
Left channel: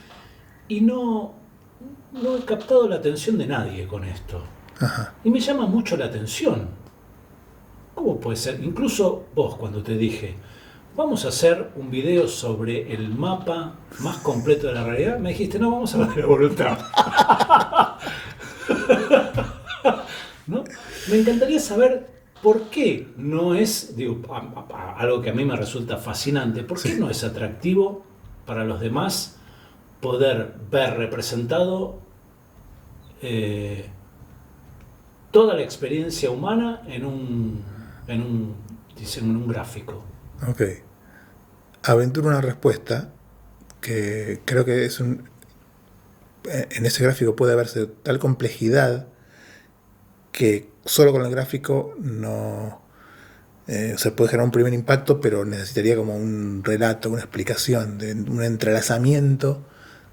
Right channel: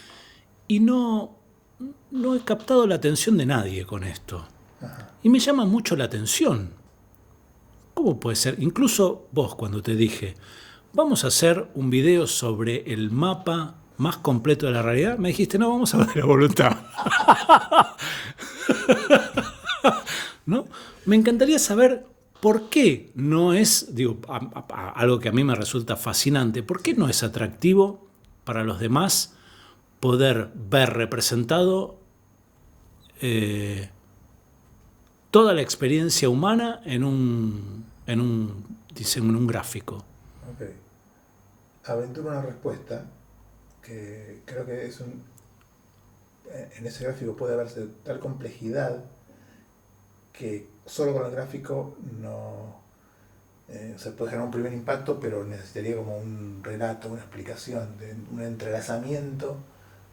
y no he captado la atención de nadie con esto. Ajá. Y me llama mucho la atención. ¿Cómo puede ser? Incluso vos, cuando te dije, vamos a hacer un video sobre el mapa más completo de la realidad, me dijiste, no, vamos a hablar de la voluntad. ¿No? Me encantaría saber por qué no es, algo que a mí me resulta fascinante, por qué no es atractivo para los demás poder ver representado toda la experiencia humana en un gráfico. Ok. Aventuro una respuesta que creo que en ese gráfico puede haberse tal complejidad que solo con el gráfico no se puede generar un primer impacto, pero necesitaría como un relato, una explicación, un entrelazamiento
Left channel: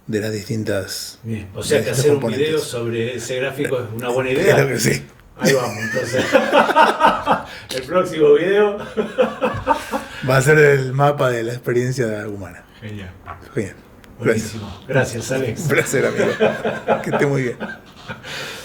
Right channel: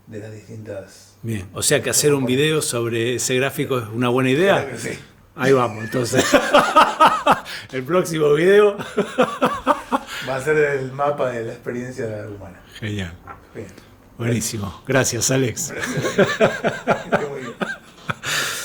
de las distintas... Bien. O sea que hacer un video sobre ese gráfico es una buena idea. Claro que sí. Ahí vamos, entonces. El próximo video. Va a ser el mapa de la experiencia humana. Genial. Bien. Buenísimo. Gracias, Alex. Un placer, amigo. Que esté muy bien.